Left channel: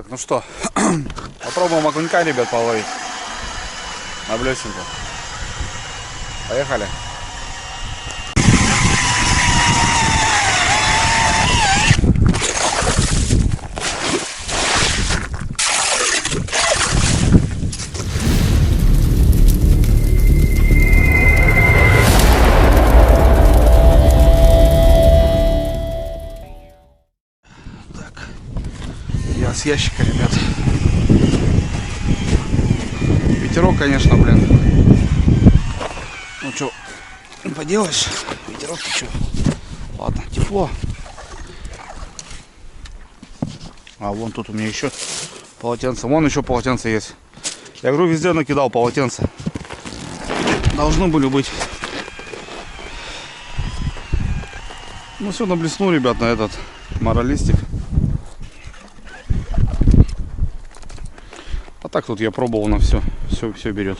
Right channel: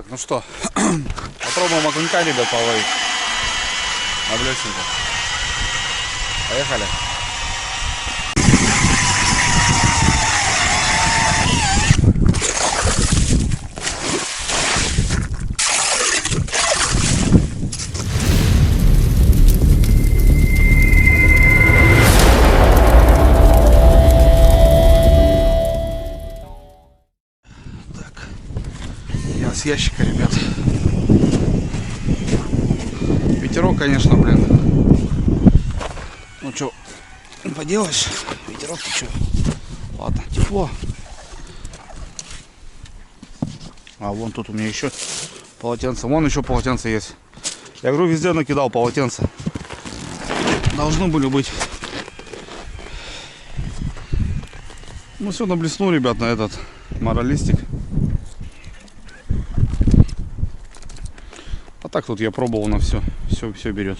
Так, ну что, попробуем окунька, ребят, половить на блесенку. Поехали. Так, я с ящика, ребят. Ветерок, конечно, блин. Ну что, не поделаешь, ветерок, ты что? Ладно, тепло. А вон тут у меня еще полотенце. Вон еще полотенце есть. Я говорю, везде накидал полотенце. Должны были быть. Ну все, наблеснул, ребят, на этот моралистик. А так тут я пробовал на все. Все берет.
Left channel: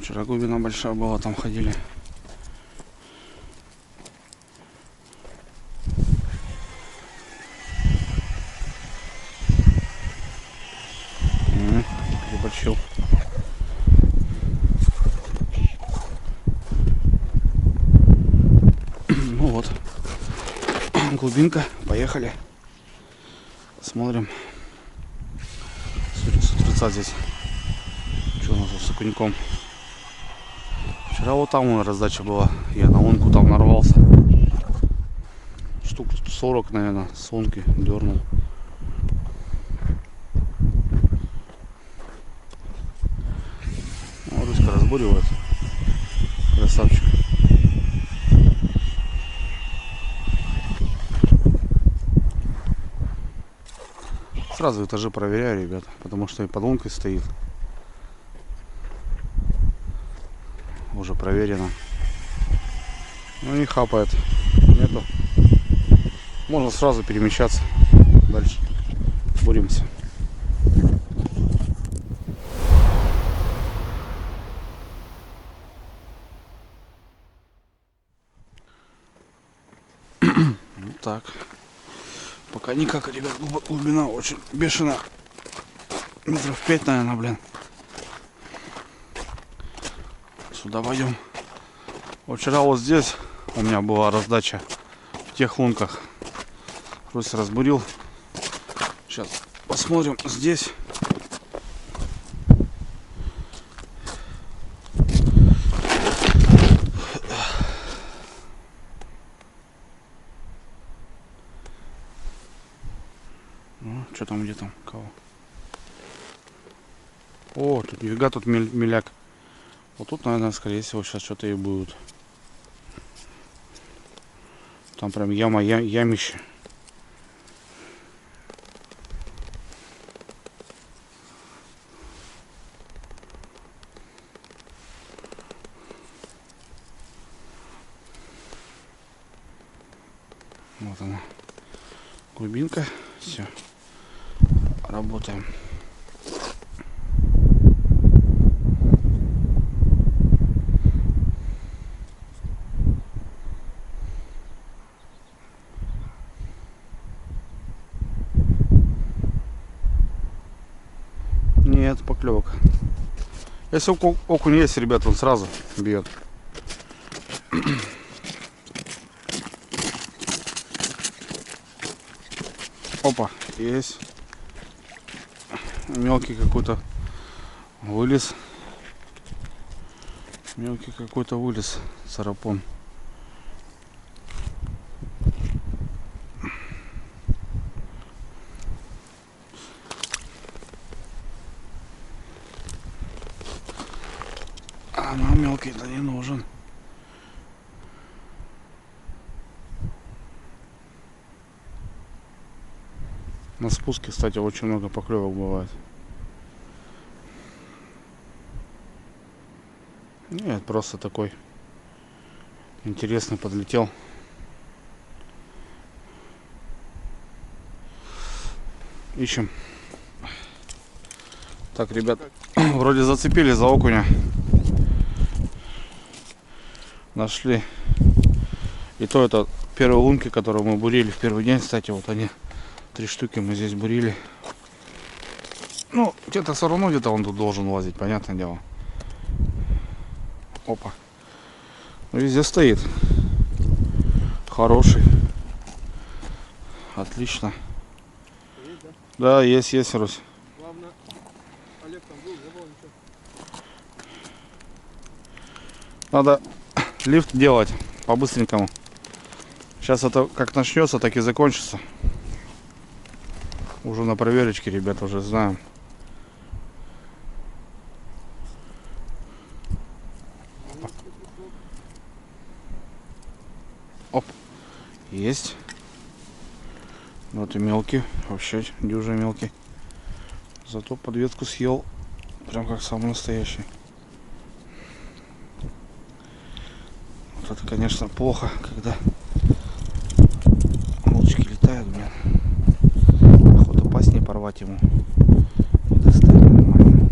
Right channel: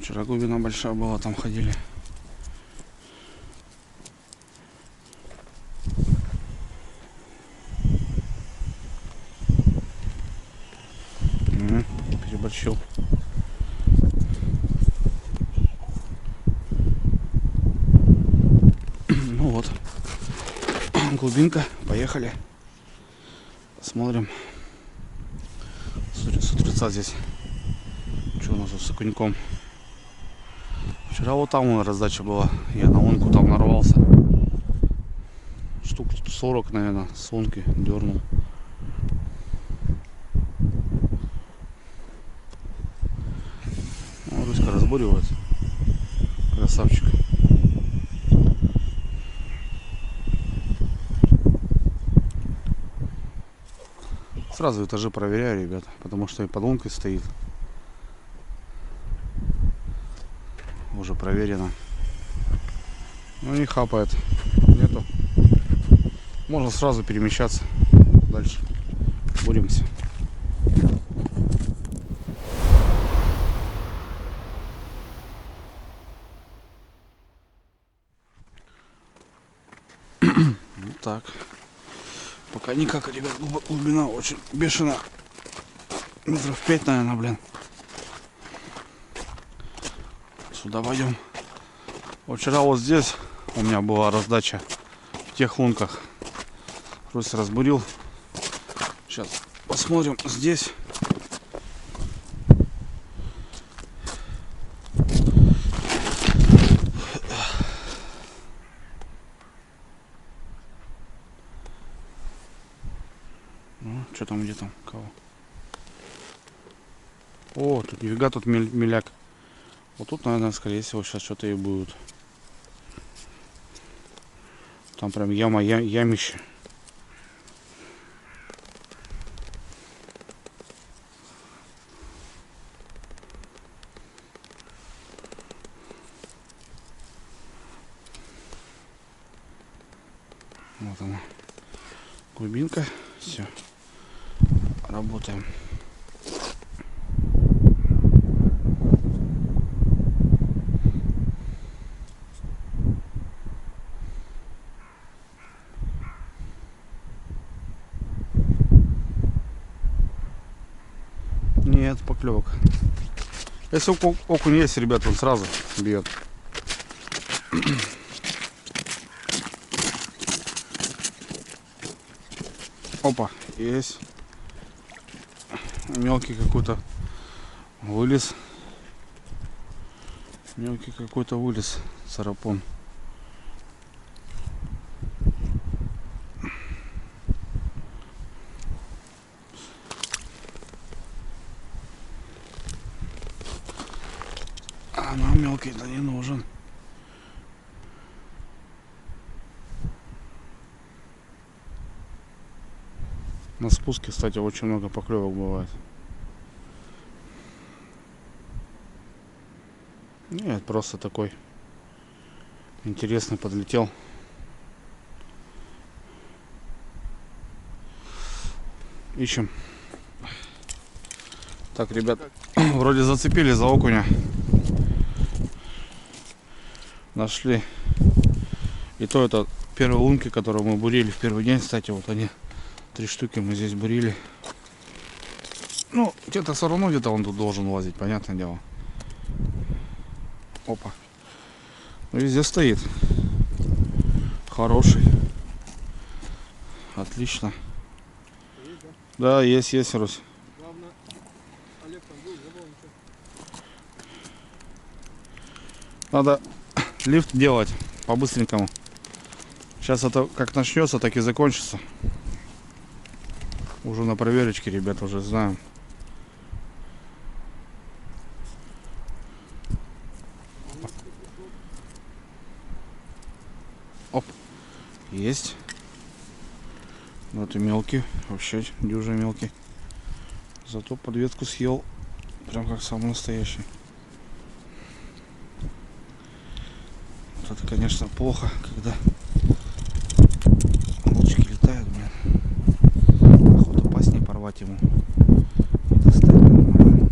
Вчера глубина большая была, там ходили. Переборщил. Ну вот, глубинка, поехали. Посмотрим. С утреца здесь. Что у нас с окуньком? Вчера вот там раздача была. Я на лунку там нарвался. Штук 40, наверное, с лунки дернул. Ну, Руська разбуривает. Красавчик. Сразу этажи проверяю, ребята, потому что и под лункой стоит. Уже проверено. Ну не хапает. Нету. Можно сразу перемещаться дальше. Боремся. Вот так. Пока никак, ребят, глубина очень бешеная. Метров 5, наверное, блин. Сюда пойдем. Вот вчера вот здесь у меня была раздача в тех лунках. Русь разбурил. Сейчас посмотрим здесь. Ну, что там, где там, кого? О, тут нифига, тут миляк. Вот тут, наверное, скорее всего, сейчас что-то и будет. Там прям ямище. Вот она. Глубинка. Все. Работаем. Нет, поклевок. Если окунь есть, ребят, он сразу бьет. Опа, есть. Мелкий какой-то вылез. Мелкий какой-то вылез. Царапон. А нам мелкий-то не нужен. На спуске, кстати, очень много поклевок бывает. Нет, просто такой интересный подлетел. Ищем. Так, ребят, вроде зацепили за окуня. Нашли. И то это первые лунки, которые мы бурили в первый день. Кстати, вот они. 3 штуки мы здесь бурили. Ну, где-то все равно где-то он тут должен лазить, понятное дело. Опа. Везде стоит. Хороший. Отлично. Есть, да? Да, есть, Русь. Главное, Олег там был, не было ничего. Надо лифт делать по-быстренькому. Сейчас это как начнется, так и закончится. Уже на проверочке, ребята, уже знаем. Оп. Есть. Вот и мелкий. Вообще дюжий мелкий. Зато подветку съел. Прям как самый настоящий. Вот это, конечно, плохо, когда удочки летают, блин. Охота пасть не порвать ему. И достать нормально.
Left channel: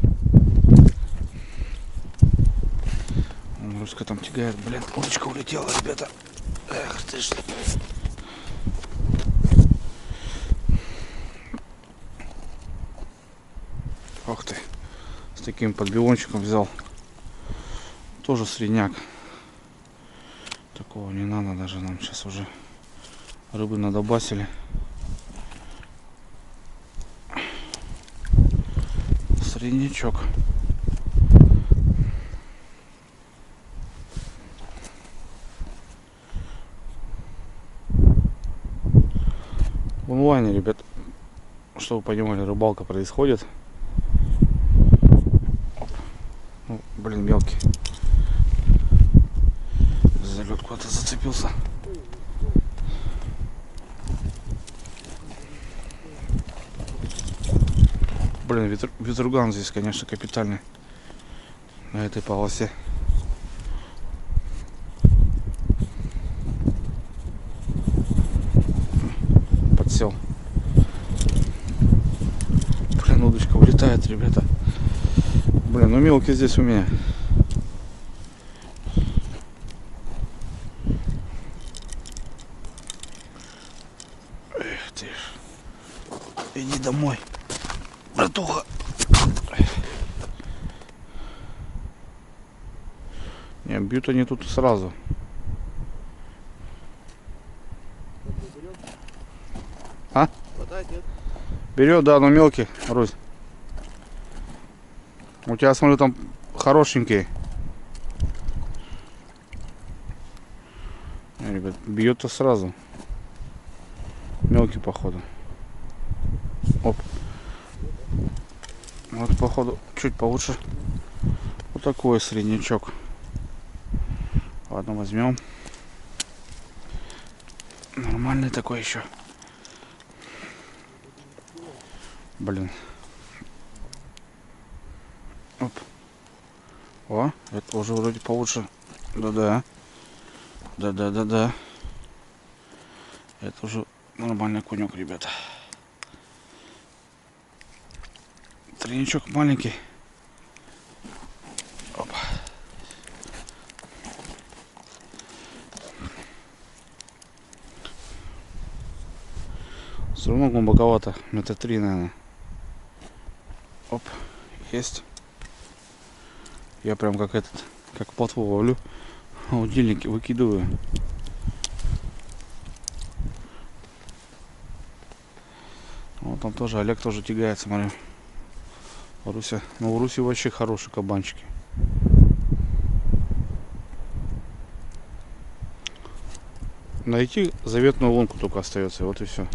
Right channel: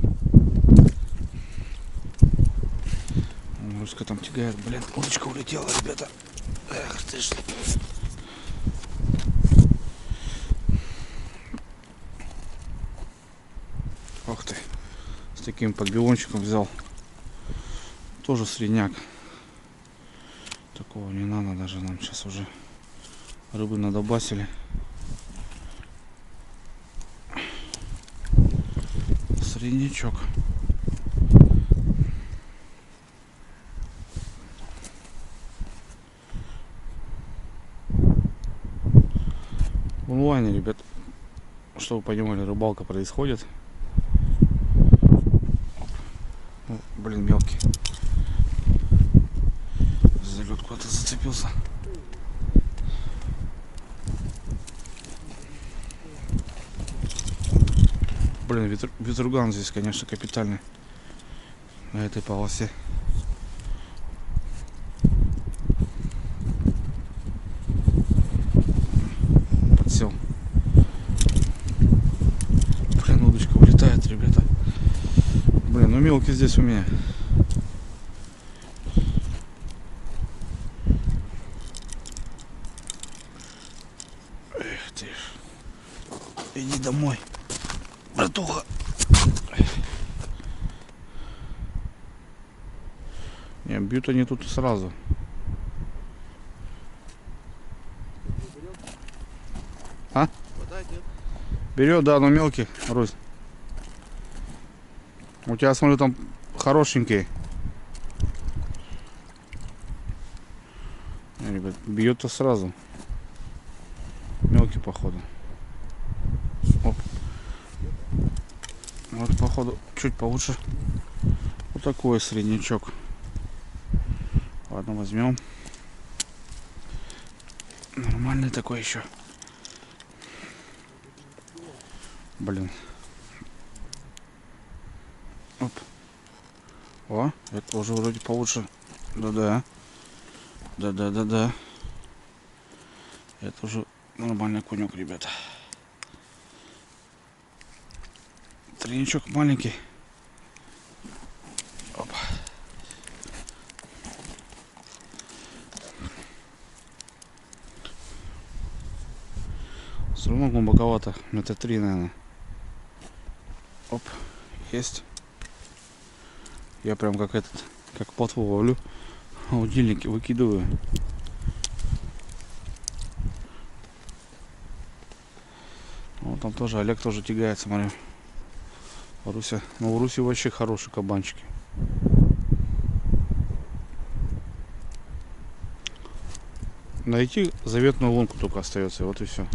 Руська там тягает. Блин, удочка улетела, ребята. Эх ты ж. Ох ты. С таким подбивончиком взял. Тоже средняк. Такого не надо даже нам сейчас уже. Рыбы надобасили. Среднячок. В онлайне, ребят, чтобы вы понимали, рыбалка происходит. Оп. Ну, блин, мелкий. За лед куда-то зацепился. Блин, ветруган здесь, конечно, капитальный. На этой полосе. Подсел. Блин, удочка улетает, ребята. Блин, ну мелкий здесь у меня. Эх ты ж. Иди домой, братуха. Не, бьют они тут сразу. А? Хватает, нет? Берет, да, но мелкий, Русь. У тебя, смотрю, там хорошенький. Не, ребят, бьет-то сразу. Мелкий, походу. Оп. Вот, походу, чуть получше. Вот такой среднячок. Ладно, возьмем. Нормальный такой еще. Блин. Оп. О, это уже вроде получше. Да-да. Да-да-да-да. Это уже нормальный конек, ребята. Тройничок маленький. Оп. Все равно глубоковато. Метра 3, наверное. Оп. Есть. Я прям как этот, как плотву ловлю. Удильники выкидываю. Вот там тоже Олег тоже тягает, смотрю. Руся. Ну, у Руси вообще хорошие кабанчики. Найти заветную лунку только остается. Вот и все.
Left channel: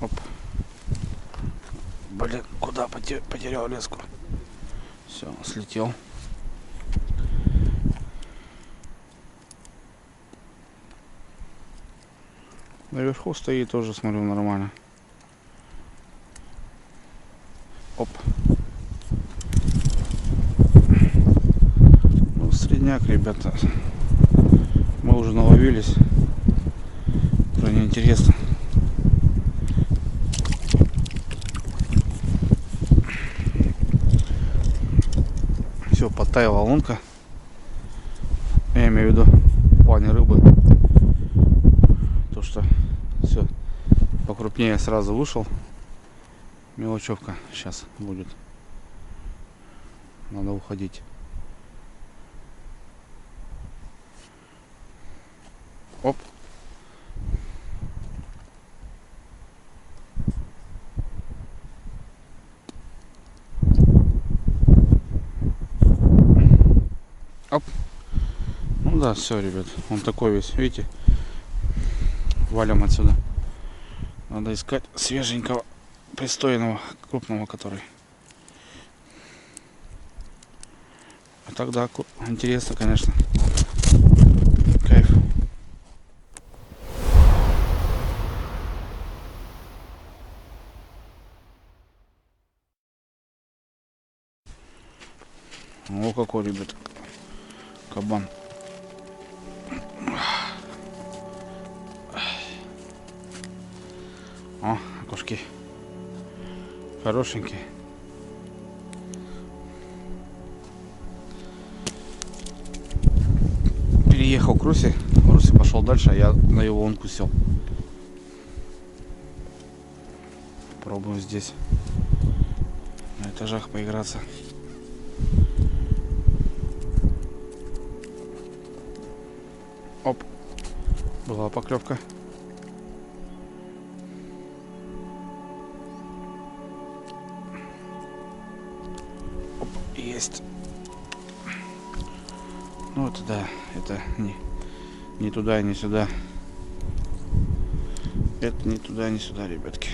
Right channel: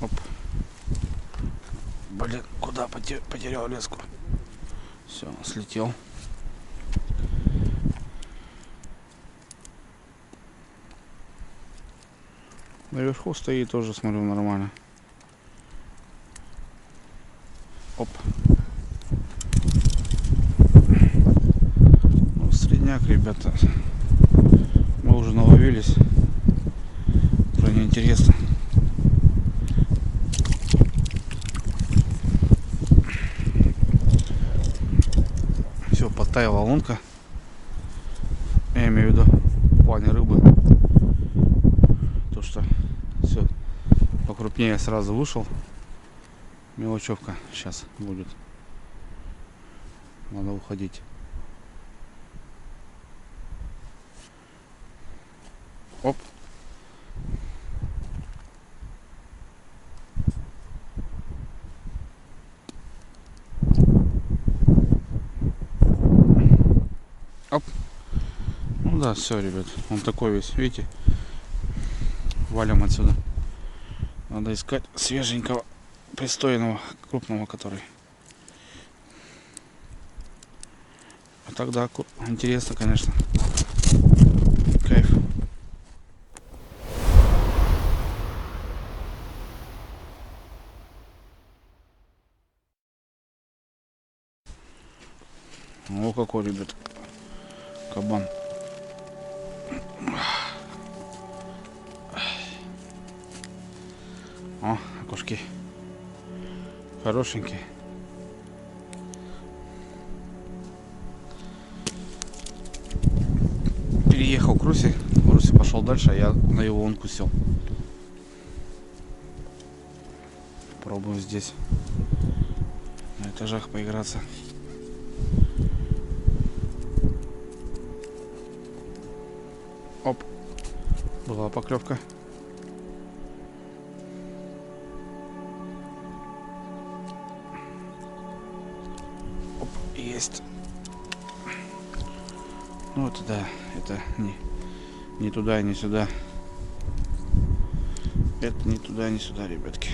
Оп. Блин, куда потерял леску? Все, слетел. Наверху стоит тоже, смотрю, нормально. Оп. средняк, ребята. Мы уже наловились. Уже неинтересно. Все, подтаяла лунка. Я имею в виду в плане рыбы. То, что все покрупнее сразу вышел. Мелочевка сейчас будет. Надо уходить. Оп. Оп. Ну да, все, ребят. Он такой весь, видите? Валим отсюда. Надо искать свеженького, пристойного, крупного, который. А тогда интересно, конечно. Кайф. О, какой, ребят, кабан. О, окушки хорошенькие. Переехал к Руси. Руси пошел дальше, а я на его лунку сел. Пробуем здесь на этажах поиграться. Оп, была поклевка. Оп, есть. Ну это да, это не туда и не сюда. Это не туда и не сюда, ребятки.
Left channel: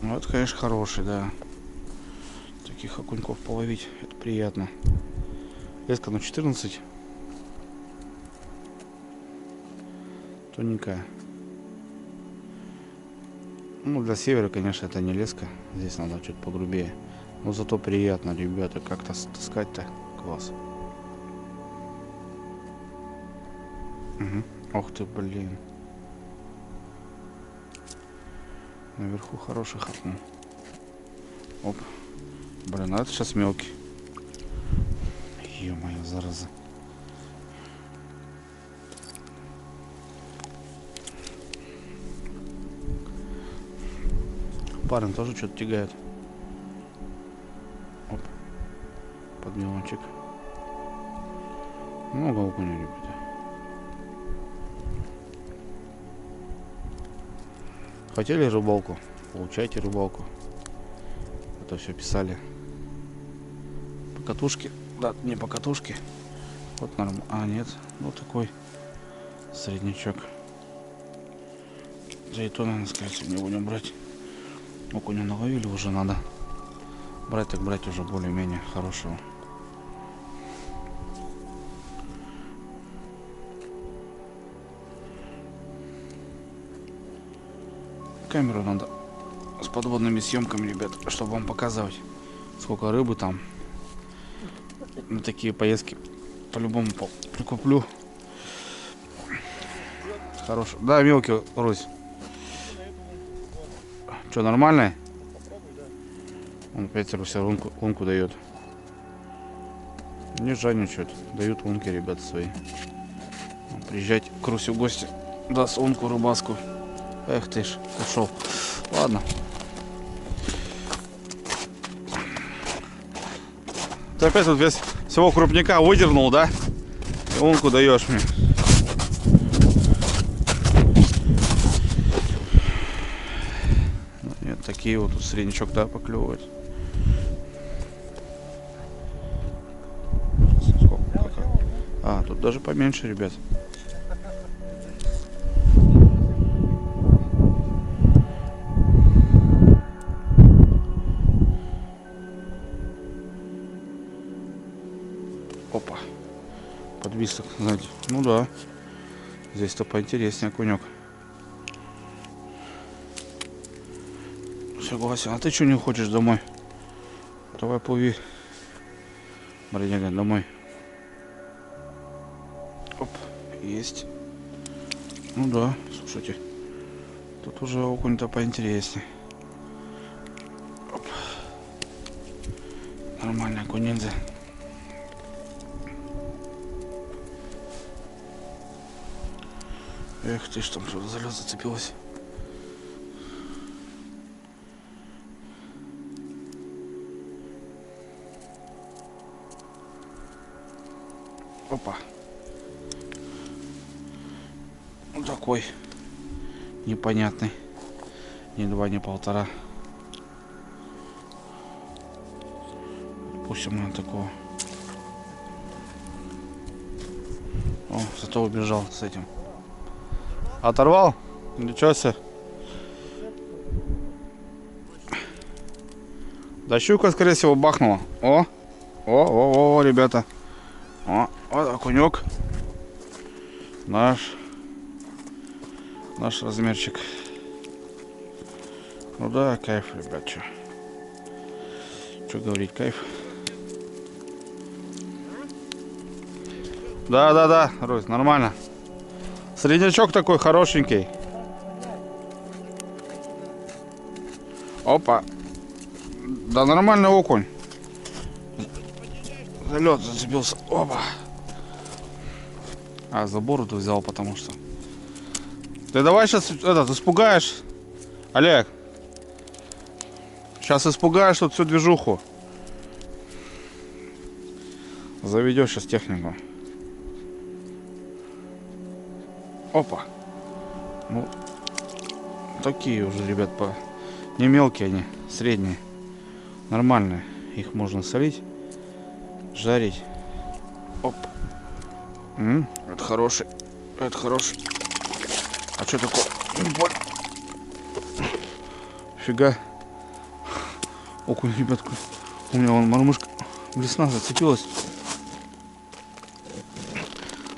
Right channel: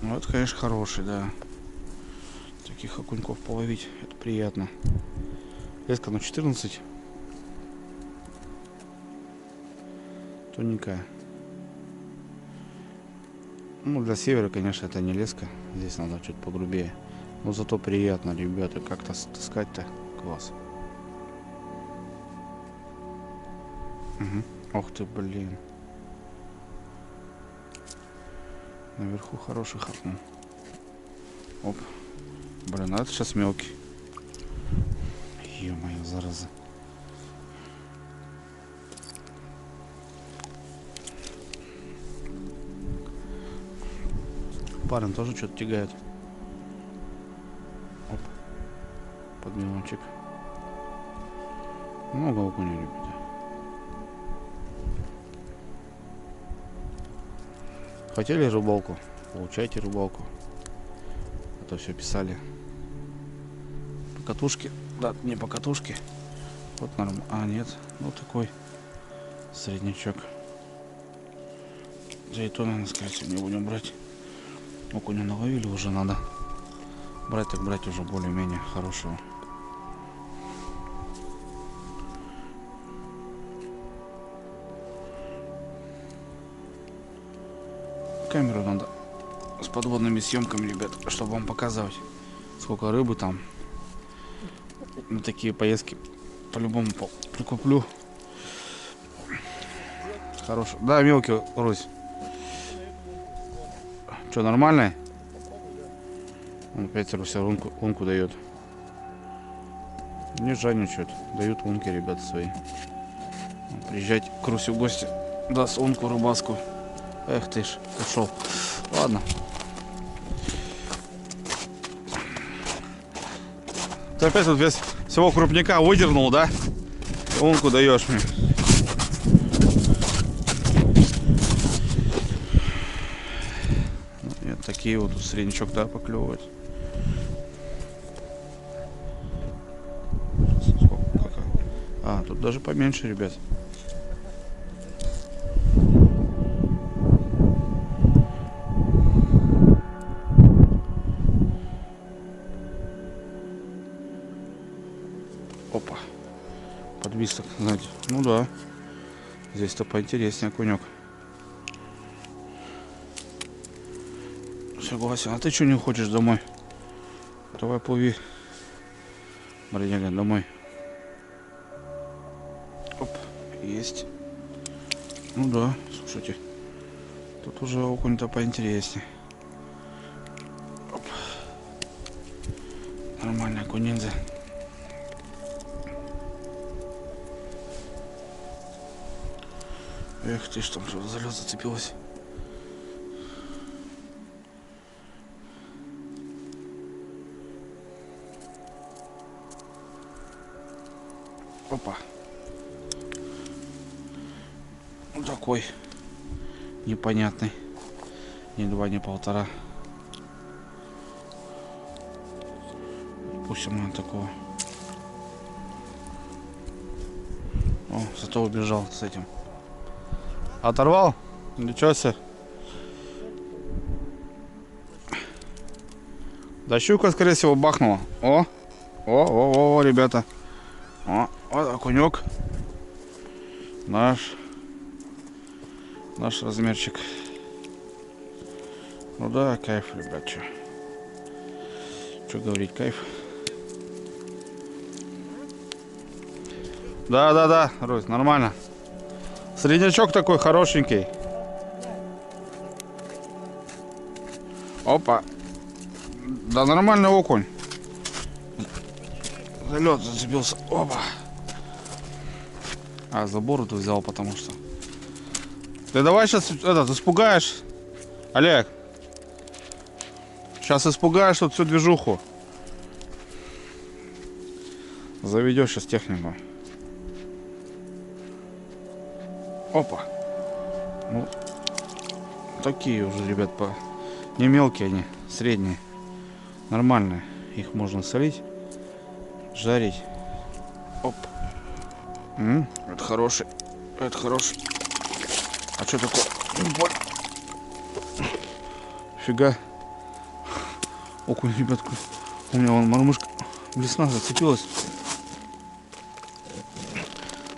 Ну это, конечно, хороший, да. Таких окуньков половить, это приятно. Леска на 14. Тоненькая. Ну, для севера, конечно, это не леска. Здесь надо чуть погрубее. Но зато приятно, ребята. Как-то таскать-то класс. Угу. Ох ты, блин. Наверху хороший хапнул. Оп. Блин, а это сейчас мелкий. Ё-моё, зараза. Парень тоже что-то тягает. Оп. Подмелончик. Много окуня, ребята. Хотели рыбалку? Получайте рыбалку. А то все писали. По катушке. Да, не по катушке. Вот нормально. А, нет. Ну такой среднячок. Да и то, наверное, скорее всего, не будем брать. Окуня наловили, уже надо брать, так брать уже более-менее хорошего. Камеру надо с подводными съемками, ребят, чтобы вам показывать, сколько рыбы там. На такие поездки по-любому прикуплю. Хороший. Да, мелкий, Русь. Что, нормальный? Попробуй, да. Он опять Руся лунку дает. Не жадничают. Дают лунки, ребята, свои. Приезжать к Русе в гости. Даст лунку рыбаску. Эх ты ж, ушел. Ладно. Ты опять тут весь всего крупняка выдернул, да? И лунку даешь мне. Нет, такие вот тут среднячок, да, поклевывать. Сколько? А, тут даже поменьше, ребят. Опа. Подвисок, знаете. Ну да. Здесь-то поинтереснее окунек. Согласен. А ты что не хочешь домой? Давай плыви. Бродяга, домой. Оп, есть. Ну да, слушайте. Тут уже окунь-то поинтереснее. Оп. Нормальный окунь-ниндзя. Эх ты ж, там что-то за лед зацепилось. Опа. Вот такой непонятный. Ни два, ни полтора. Пустим на такого. О, зато убежал с этим. Оторвал? Ничего себе. Да щука, скорее всего, бахнула. О, ребята. О, вот окунек. Наш размерчик. Ну да, кайф, ребят, что говорить, кайф. Да, Русь, нормально. Среднячок такой хорошенький. Опа. Да, нормальный окунь. За лед зацепился. Опа. А, за бороду взял, потому что. Ты давай сейчас испугаешь. Олег. Сейчас испугаешь тут всю движуху. Заведешь сейчас технику. Опа. Ну, такие уже, ребят, не мелкие они, средние. Нормальные. Их можно солить, жарить. Оп. Это хороший. Это хороший. А что такое? Фига. Окунь, ребятку. У меня вон мормышка блесна зацепилась.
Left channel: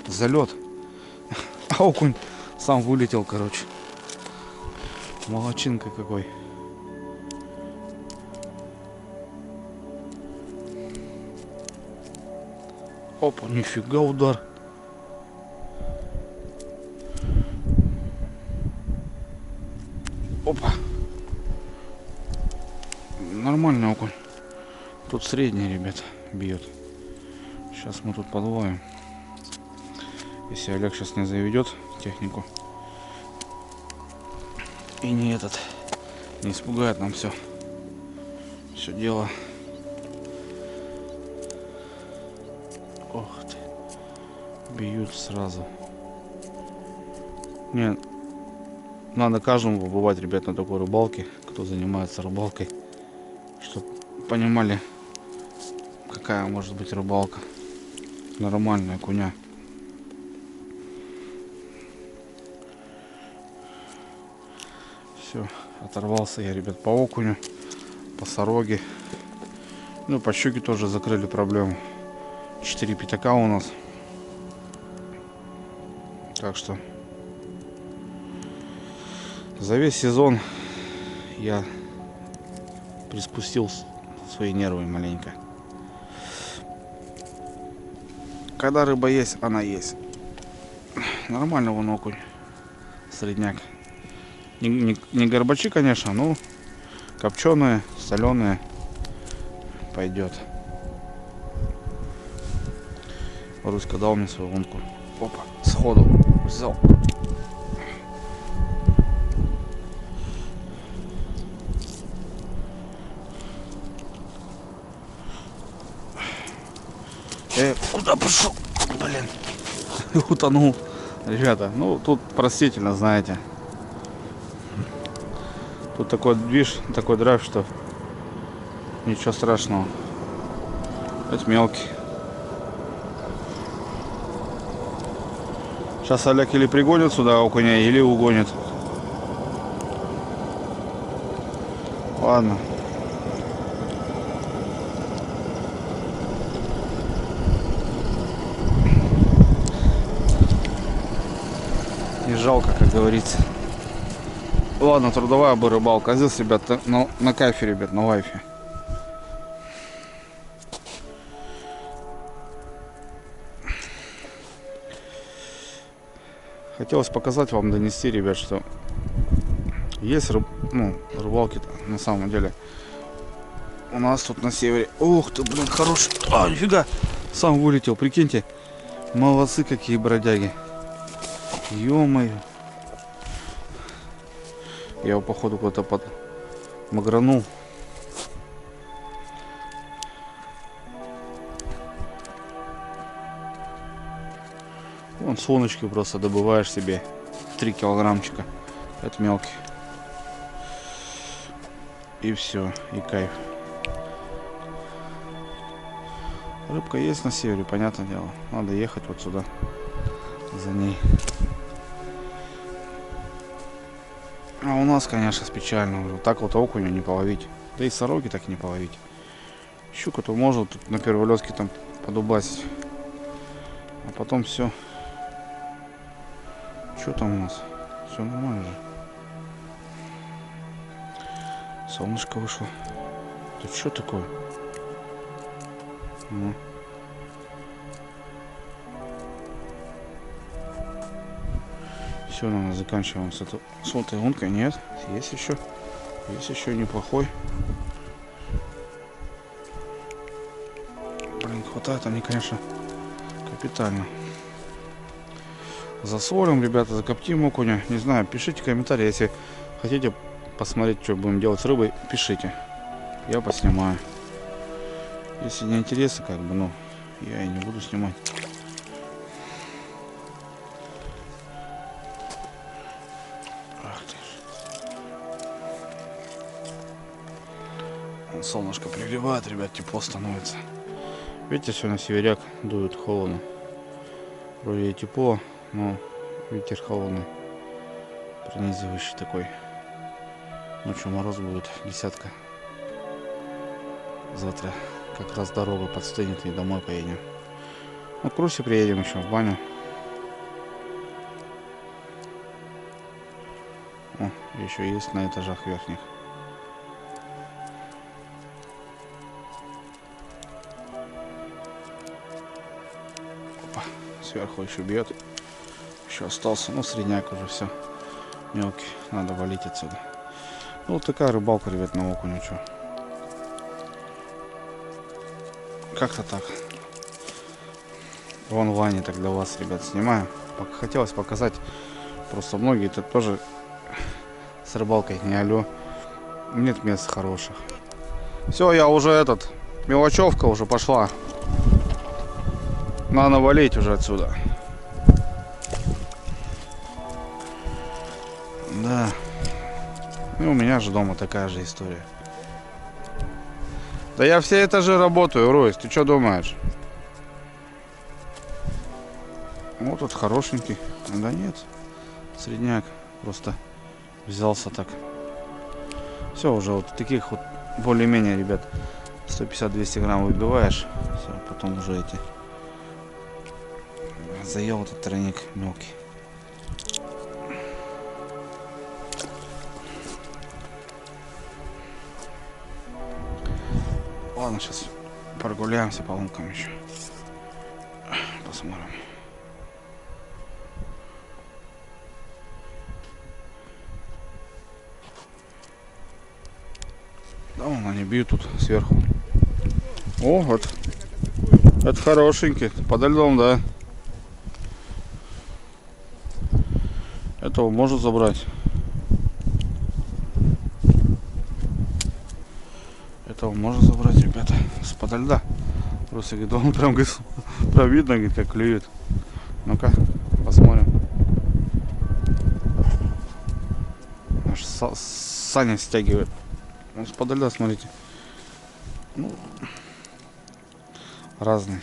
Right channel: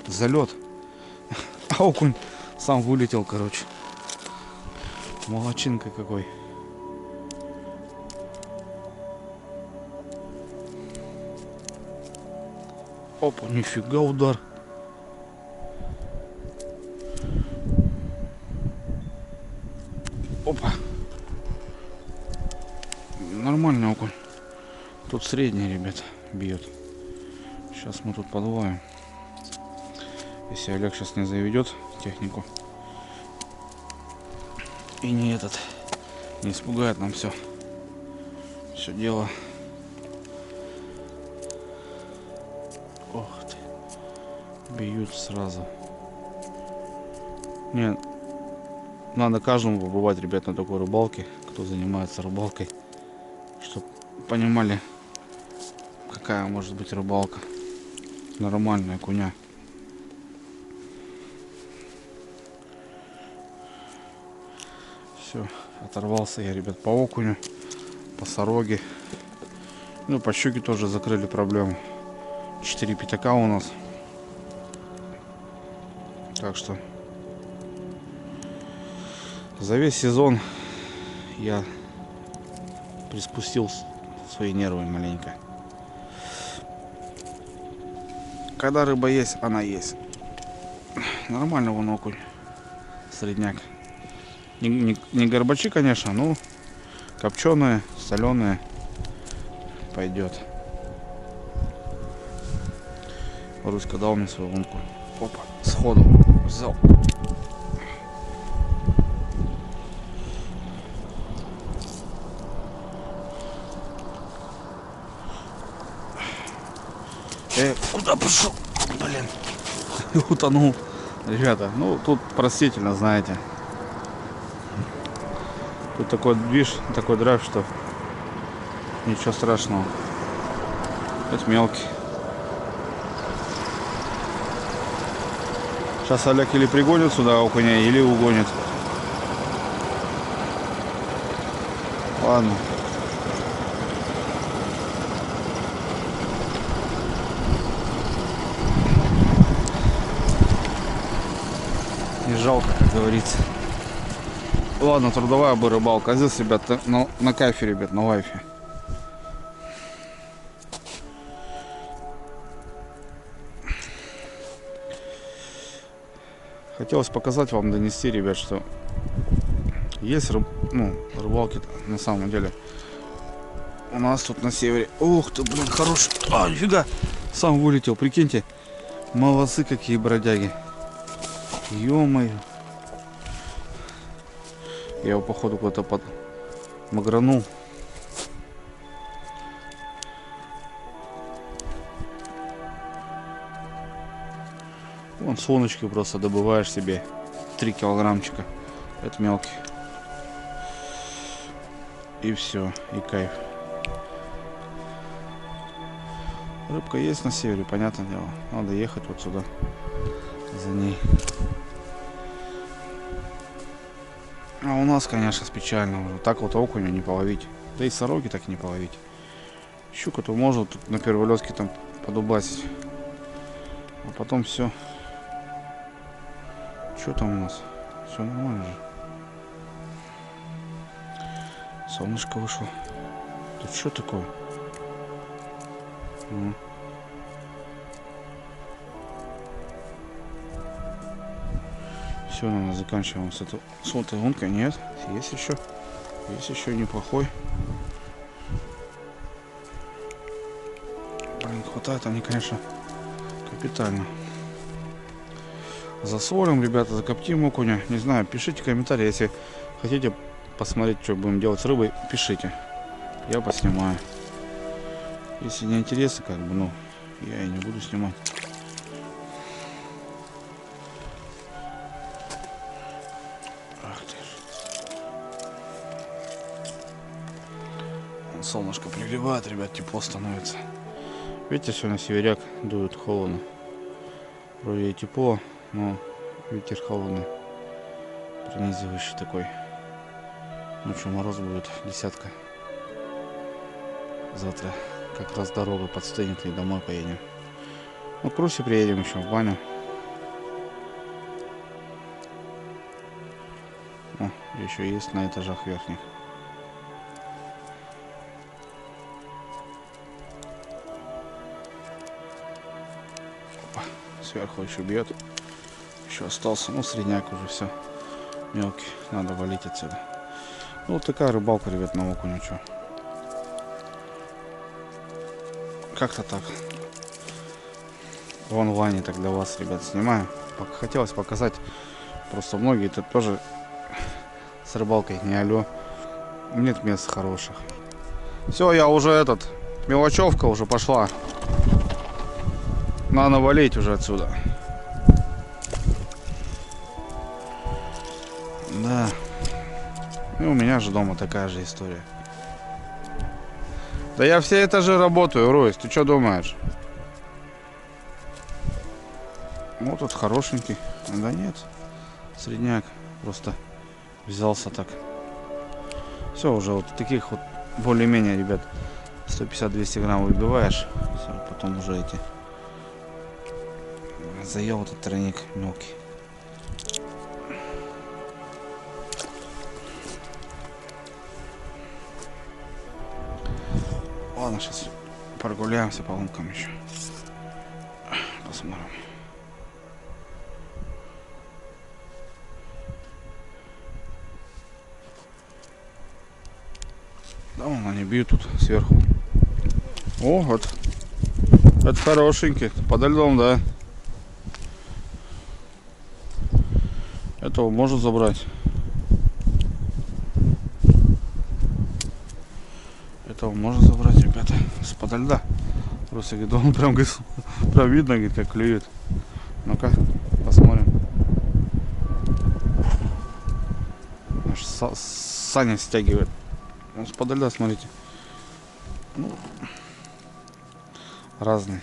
За лед. А окунь сам вылетел, короче. Молодчинка какой. Опа, нифига удар. Опа. Нормальный окунь. Тут средний, ребят, бьет. Сейчас мы тут подловим. Если Олег сейчас не заведет технику и не испугает нам все дело. Ох ты, бьют сразу. Не, надо каждому побывать, ребят, на такой рыбалке, кто занимается рыбалкой, чтобы понимали, какая может быть рыбалка. Нормальная окуня. Все, оторвался я, ребят, по окуню, по сороге. Ну, по щуке тоже закрыли проблему. 4 пятака у нас. Так что за весь сезон я приспустил свои нервы маленько. Когда рыба есть, она есть. Нормально вон окунь. Средняк. Не горбачи, конечно, но копченые, соленые пойдет. Руська дал мне свою лунку. Опа, сходу взял. Куда пошел? Блин, утонул. Ребята, ну тут простительно, знаете. Тут такой движ, такой драйв, что ничего страшного. Это мелкий. Сейчас Олег или пригонит сюда окуня, или угонит. Ладно. Не жалко, как говорится. Ладно, трудовая бы рыбалка. А здесь, ребят, на кайфе, ребят, на лайфе. Хотелось показать вам, донести, ребят, что есть рыбалки на самом деле. У нас тут на севере. Ух ты, блин, хороший. А, нифига. Сам вылетел, прикиньте. Молодцы какие бродяги. Ё-моё. Я его походу куда-то магранул. Вон солнышки просто добываешь себе 3 килограммчика. Это мелкий. И все, и кайф. Рыбка есть на севере, понятное дело. Надо ехать вот сюда за ней. А у нас, конечно, печально уже. Так вот окуня не половить. Да и сороки так не половить. Щука-то может тут на первой лёдке там подубасить. А потом все. Что там у нас? Все нормально же. Солнышко вышло. Тут что такое? Все, наверное, заканчиваем с этой лункой. Нет, есть еще неплохой. Блин, хватает они, конечно, капитально. Засолим, ребята, закоптим окуня. Не знаю, пишите комментарии, если хотите посмотреть, что будем делать с рыбой, пишите. Я поснимаю. Если не интересно, как бы, ну, я и не буду снимать. Ах ты ж. Солнышко пригревает, ребят, тепло становится. Видите, сегодня северяк дует холодно. Вроде и тепло, но ветер холодный, пронизывающий такой. Ночью мороз будет, 10. Завтра как раз дорога подстынет и домой поедем. Ну, к Русе приедем еще в баню. О, еще есть на этажах верхних. Опа, сверху еще бьет. Еще остался, ну, средняк уже все. Мелкий, надо валить отсюда. Ну, вот такая рыбалка, ребят, на окуню, что. Как-то так. В онлайне так для вас, ребят, снимаю. Хотелось показать. Просто многие тут тоже с рыбалкой не алё. Нет мест хороших. Все, я уже мелочевка уже пошла. Надо валить уже отсюда. Да. И у меня же дома такая же история. Да я все этажи работаю, Ройс, ты что думаешь? Вот тут хорошенький. Да нет, средняк. Просто взялся так. Все, уже вот таких вот более-менее, ребят, 150-200 грамм выбиваешь. Все, потом уже эти. Заел этот тройник мелкий. Ладно, сейчас прогуляемся по лункам еще. Посмотрим. Да, вон они бьют тут сверху. О, вот. Это хорошенький. Подо льдом, да. Этого может забрать. Этого можно забрать, ребята, с подо льда. Просто говорит, он прям видно, говорит, как клюет. Ну-ка, посмотрим. Аж Саня стягивает. Он с подо льда, смотрите. Ну, разные.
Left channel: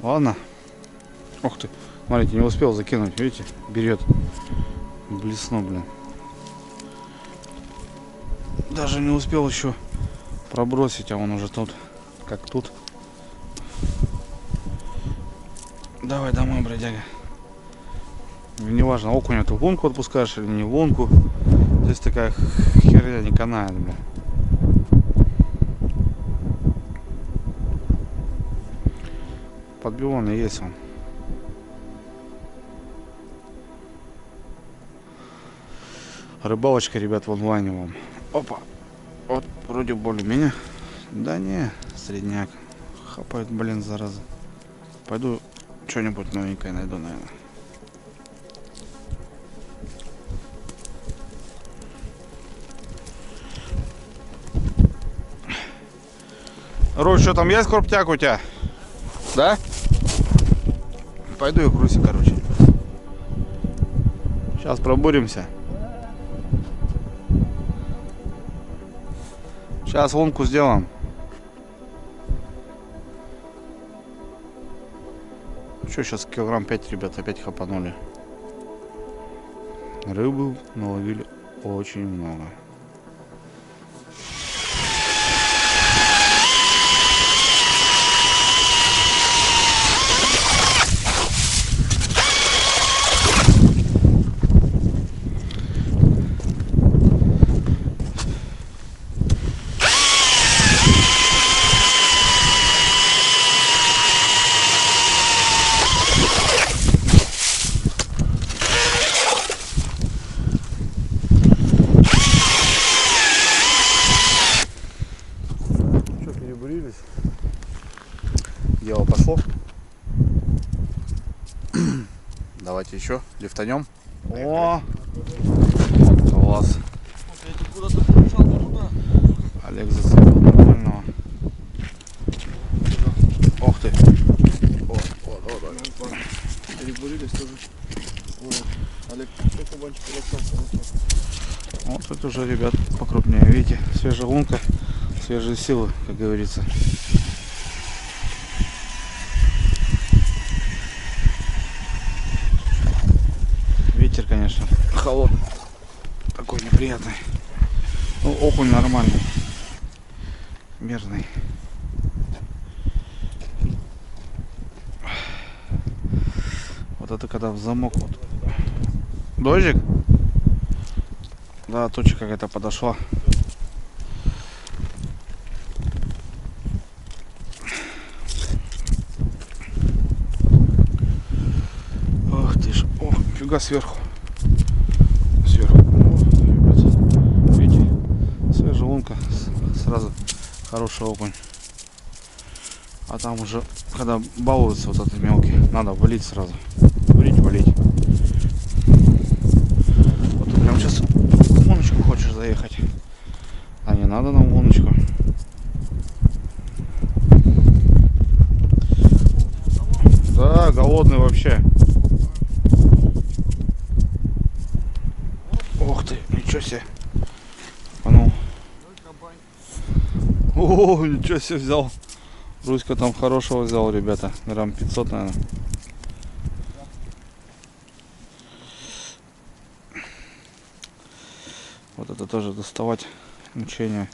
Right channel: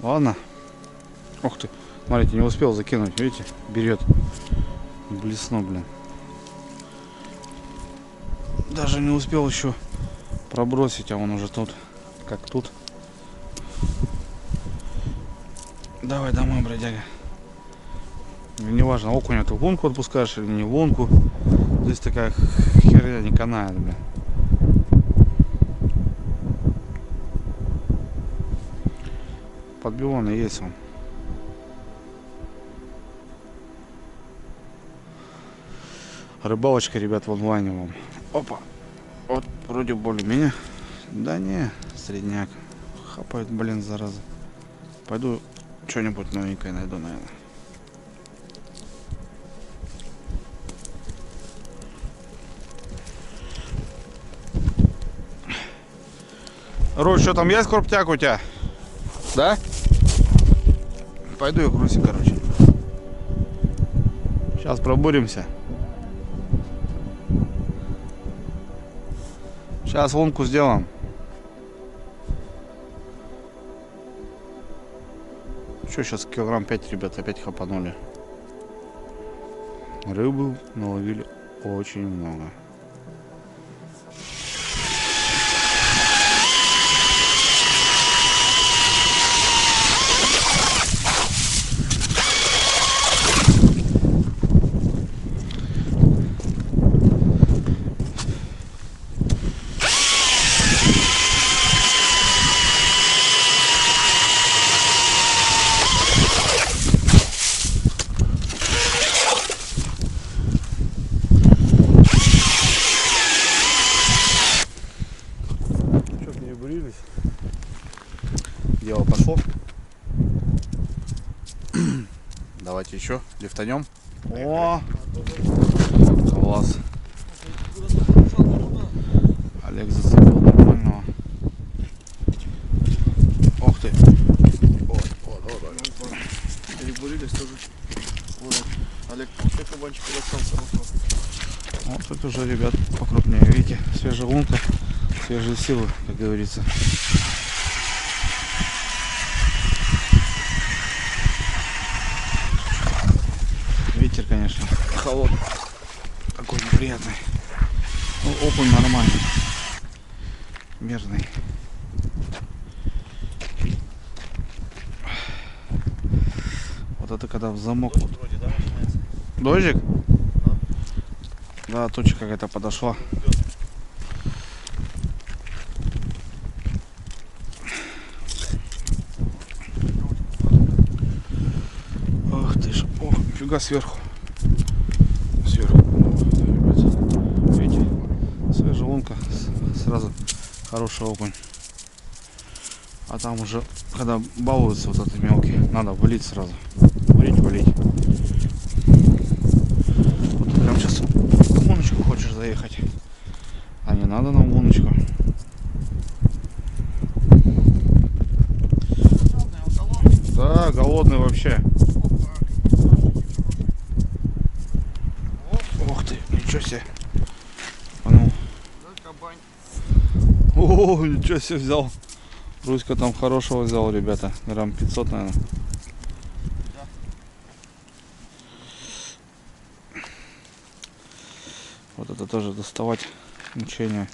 Ладно. Ух ты. Смотрите, не успел закинуть, видите, берет. Блеснул, блин. Даже не успел еще пробросить, а он уже тут, как тут. Давай домой, бродяга. Неважно, окуня ты в лунку отпускаешь или не в лунку. Здесь такая херня не канает, бля. Подбиванный есть он. Рыбалочка, ребят, в онлайне вам. Опа. Вот вроде более-менее. Да не, средняк. Хапает, блин, зараза. Пойду что-нибудь новенькое найду, наверное. Руль, что там есть крупняк у тебя? Да? Пойду я грузи, короче. Сейчас пробуримся. Сейчас лунку сделаем. Что, сейчас килограмм 5, ребят, опять хапанули. Рыбы наловили очень много. Перебурились. Дело пошло. Давайте еще лифтанем. О, класс. Олег зацепил нормального. Ох ты. Вот. Перебурились тоже. Вот. Олег, все кабанчики расстался. Вот это уже, ребят, покрупнее. Видите, свежая лунка, свежие силы, как говорится. Ветер, конечно, холодный, такой неприятный. Ну, окунь нормальный, мерный. Вот это когда в замок. Вот. Дождик? Да, туча какая-то подошла. Ох ты ж, о, фига сверху. Сверху. О, ребят, видите, свежая лунка, сразу хороший окунь. А там уже, когда балуются вот этот мелкий, надо валить сразу. Валить. Вот ты прям сейчас в луночку хочешь заехать. А не надо нам луночку. Да, голодный вообще. Ох ты, ничего себе. Ну. О, ничего себе взял. Руська там хорошего взял, ребята. Грамм 500, наверное. Вот это тоже доставать мучение.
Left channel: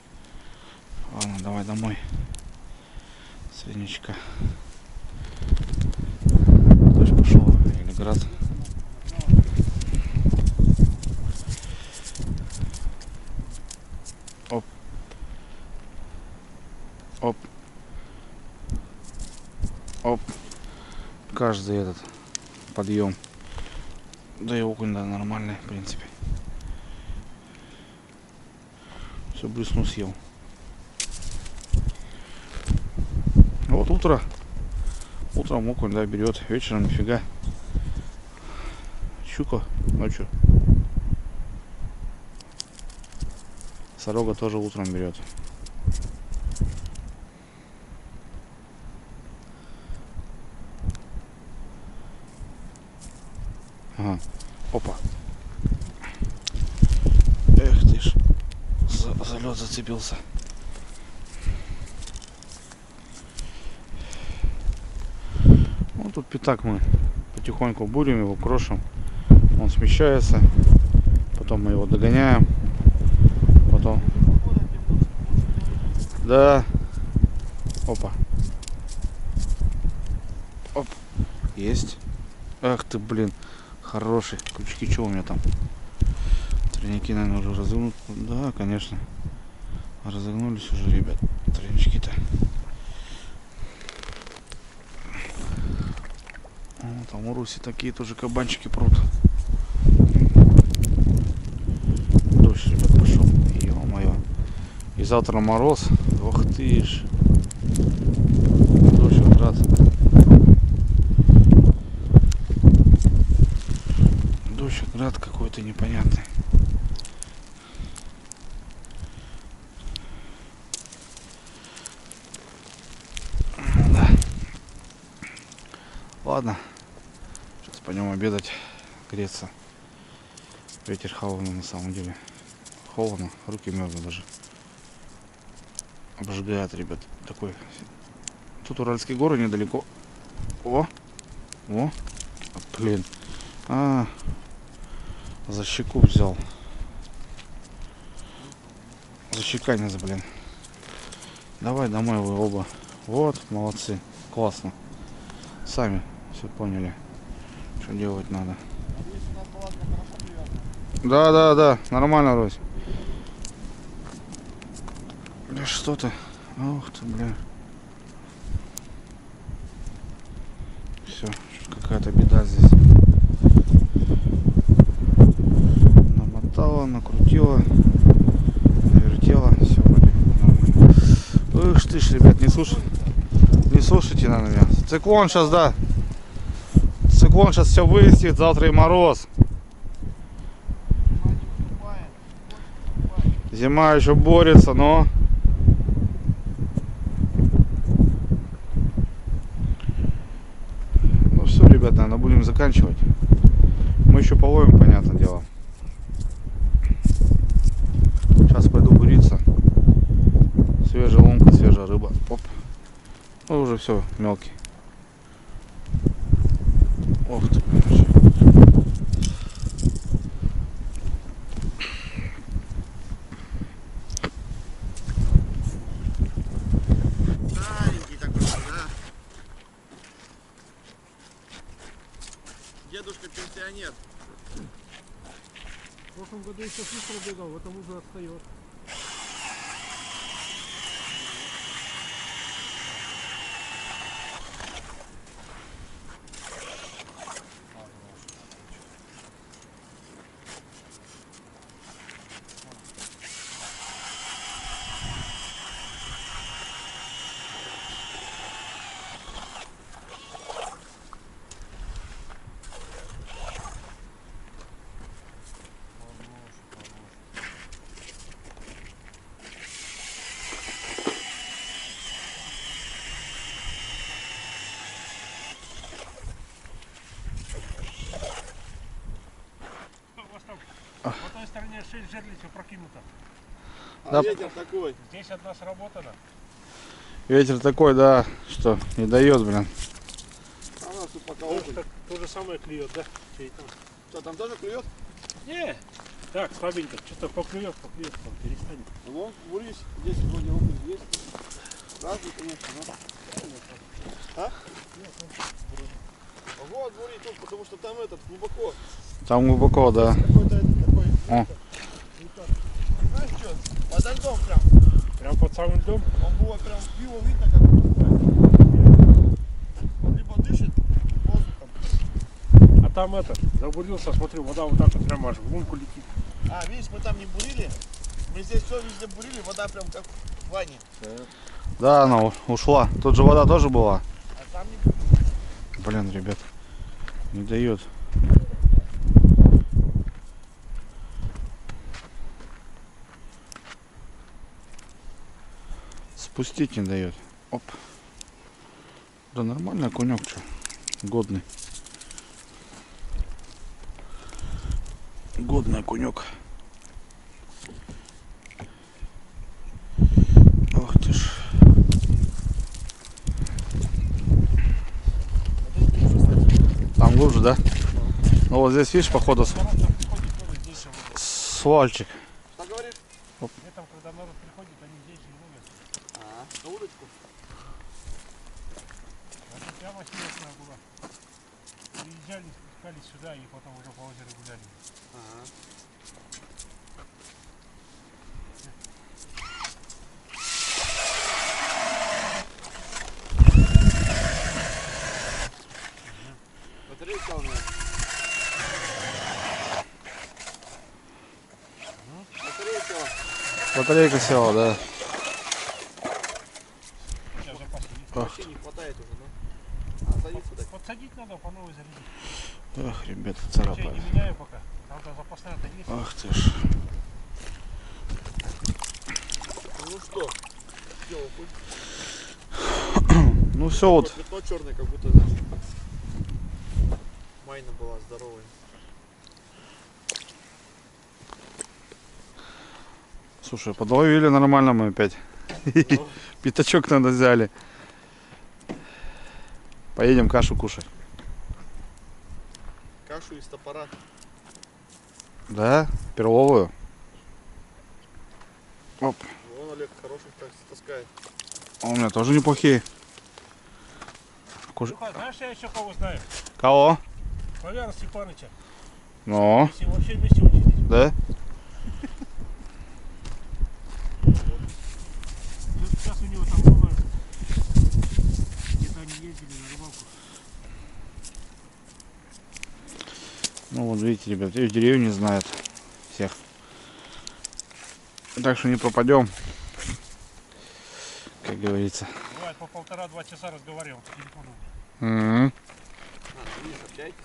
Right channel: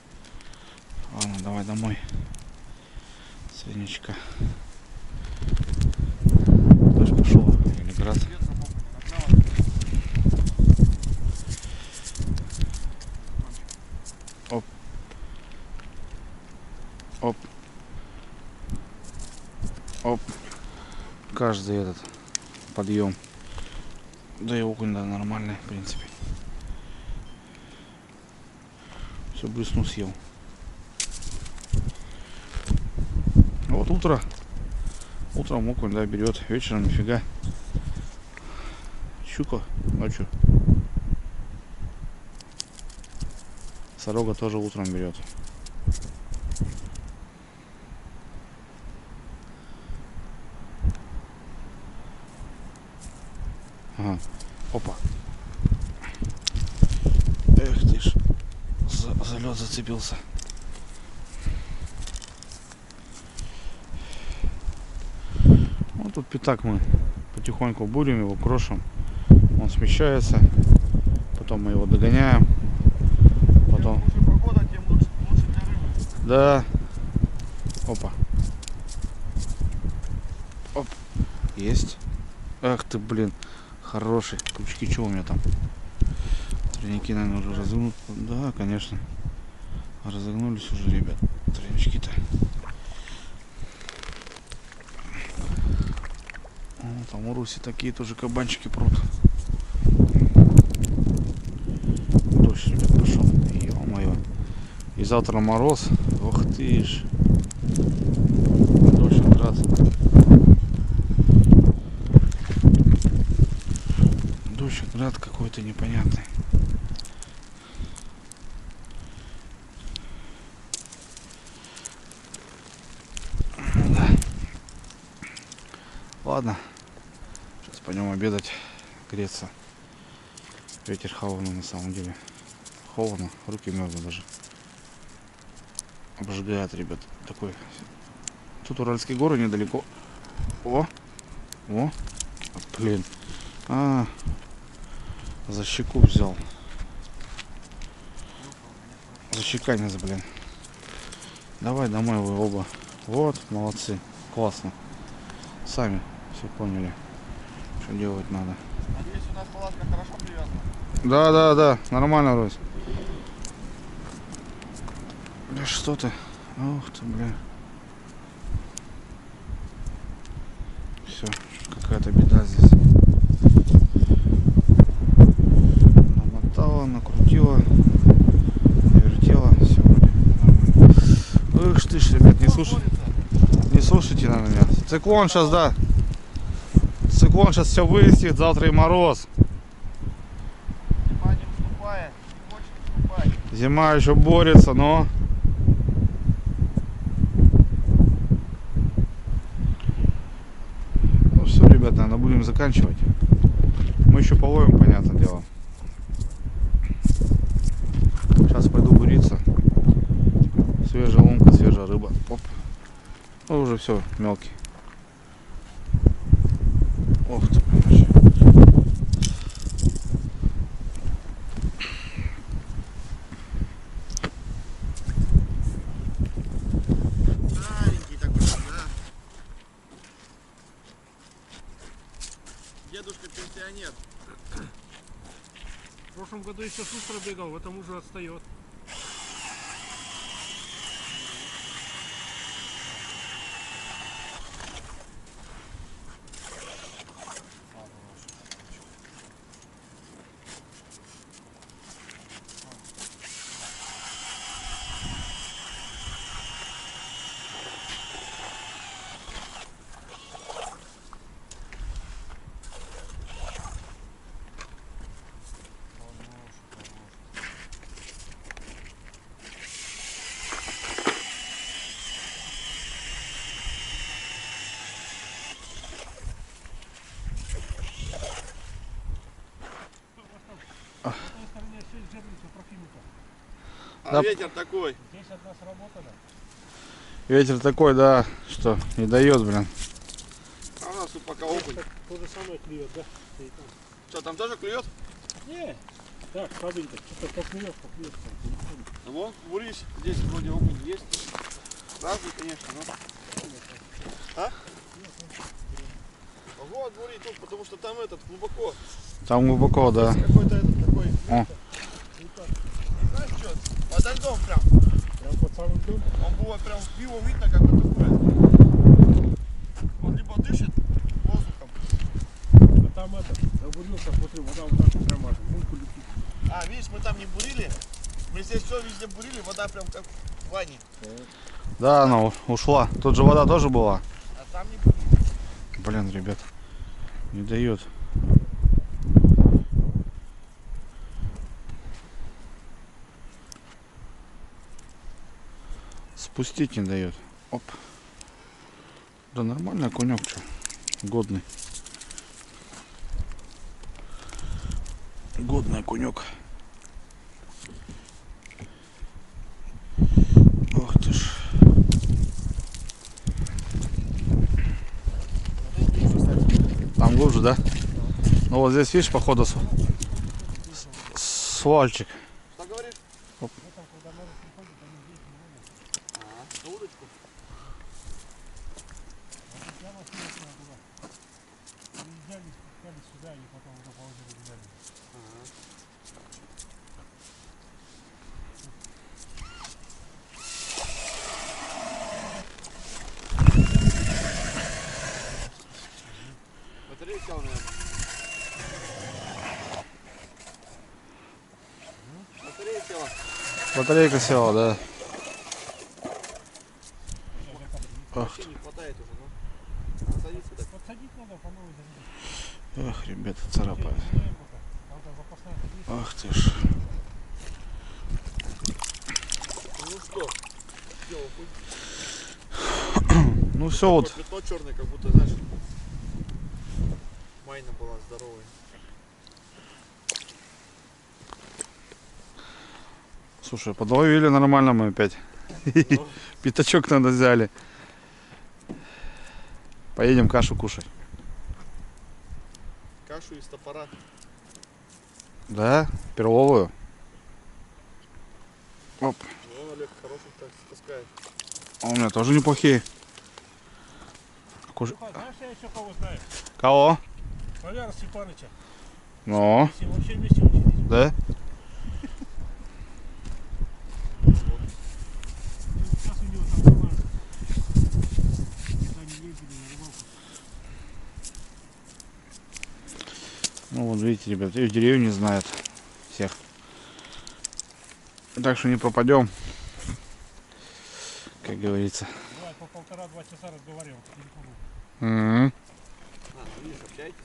Ладно, давай домой. Свинечка. Дождь пошел или град. Оп. Оп. Оп. Каждый этот подъем. Да и окунь, да, нормальный, в принципе. Все, блесну съел. Вот утро. Утром окунь, да, берет. Вечером нифига. Щука ночью. Сорога тоже утром берет. Ага. Опа. Эх ты ж. За лед зацепился. Вот тут пятак мы потихоньку бурим его, крошим. Он смещается. Потом мы его догоняем. Потом. Погода, тем лучше для рыбы. Да. Опа. Оп. Есть. Ах ты, блин. Хороший. Крючки, что у меня там? Тройники, наверное, уже разогнут. Да, конечно. Разогнулись уже, ребят. Тройнички-то. О, там у Руси такие тоже кабанчики прут. Дождь, ребят, пошел. Ё-моё. И завтра мороз. Ох ты ж. Дождь, град. Дождь, град какой-то непонятный. Ну да. Ладно. Сейчас пойдем обедать, греться. Ветер холодный на самом деле. Холодно, руки мерзнут даже. Обжигает, ребят. Такой. Тут Уральские горы недалеко. О! О! Блин. За щеку взял. За щеканец, блин. Давай домой вы оба. Вот, молодцы. Классно. Сами все поняли, что делать надо. Надеюсь, у нас палатка хорошо привязана. Да, нормально, Рось. Да что ты? Ух ты, бля. Все, какая-то беда здесь. Намотала, накрутила, навертела, все вроде нормально. Эх ты ж, ребят, не слушайте на меня. Циклон сейчас, да. Циклон сейчас все вырастет, завтра и мороз. Зима не уступает, не хочет уступать. Зима еще борется, но... Ну все, ребят, наверное, будем заканчивать. Мы еще половим, понятное дело. Сейчас пойду буриться. Свежая лунка, свежая рыба. Оп. Ну уже все, мелкий. Ох ты, короче. Старенький такой, да? Дедушка пенсионер. В прошлом году еще быстро бегал, в этом уже отстает. На той стороне 6 жерлиц прокинуто. А Да. ветер такой. Здесь одна сработана. Ветер такой, да, что не дает, блин. А у нас тут пока окунь. Так, то же самое клюет, да? И там. Что, там тоже клюет? Не, так, слабенько. Что-то поклюет, там перестанет. Ну, вон, бурись. Здесь вроде окунь есть. Разный, конечно, но... А? Вот, бури тут, потому что там этот глубоко. Там глубоко, да. Какой-то этот такой. О. И знаешь что? Под льдом прям. Прям под самым льдом. Он было прям его видно, как вот такое. Он либо дышит воздухом. А там это, забурился, смотри, вода вот так вот прямо аж в лунку летит. А, видишь, мы там не бурили. Мы здесь все везде бурили, вода прям как в ванне. Да, она ушла. Тут же вода тоже была. А там не бурили. Блин, ребят, не дает. Спустить не дает. Оп. Да нормальный окунек, что? Годный. Годный окунек. Ох ты ж. А ты глубже, кстати. Там глубже, да? Ну вот здесь, видишь, походу свальчик. Что говоришь? Летом, когда народ приходит, они здесь и ловят. На удочку. Они прямо снежная была. Приезжали, спускались сюда и потом уже по озеру гуляли. Батарейка села, да. Сейчас в запасе есть. Ах, Вообще не хватает уже, но. А, садиться так. Подсадить надо, по новой зарядить. эх, ребята, Чай царапает. не меняю пока. Правда, запасная-то есть. Ах ты ж. Ну что? Все, окунь. Ну все вот. Пятно черное, как будто, знаешь, майна была здоровая. Слушай, подловили нормально мы опять. Ну, Пятачок надо взяли. Поедем кашу кушать. кашу из топора. Да? Перловую. Оп. Вон Олег хороших так таскает. А у меня тоже неплохие. Куш- Слухай, знаешь, я еще кого знаю? Кого? Валера Степаныча. Ну, Если вообще вместе учились. да? Сейчас у него там было, где-то они ездили на рыбалку. Ну вот видите, ребят, и в деревне знают всех. Так что не пропадем, как говорится. Бывает по 1,5-2 часа разговаривал по телефону. М. А, видишь, общайтесь.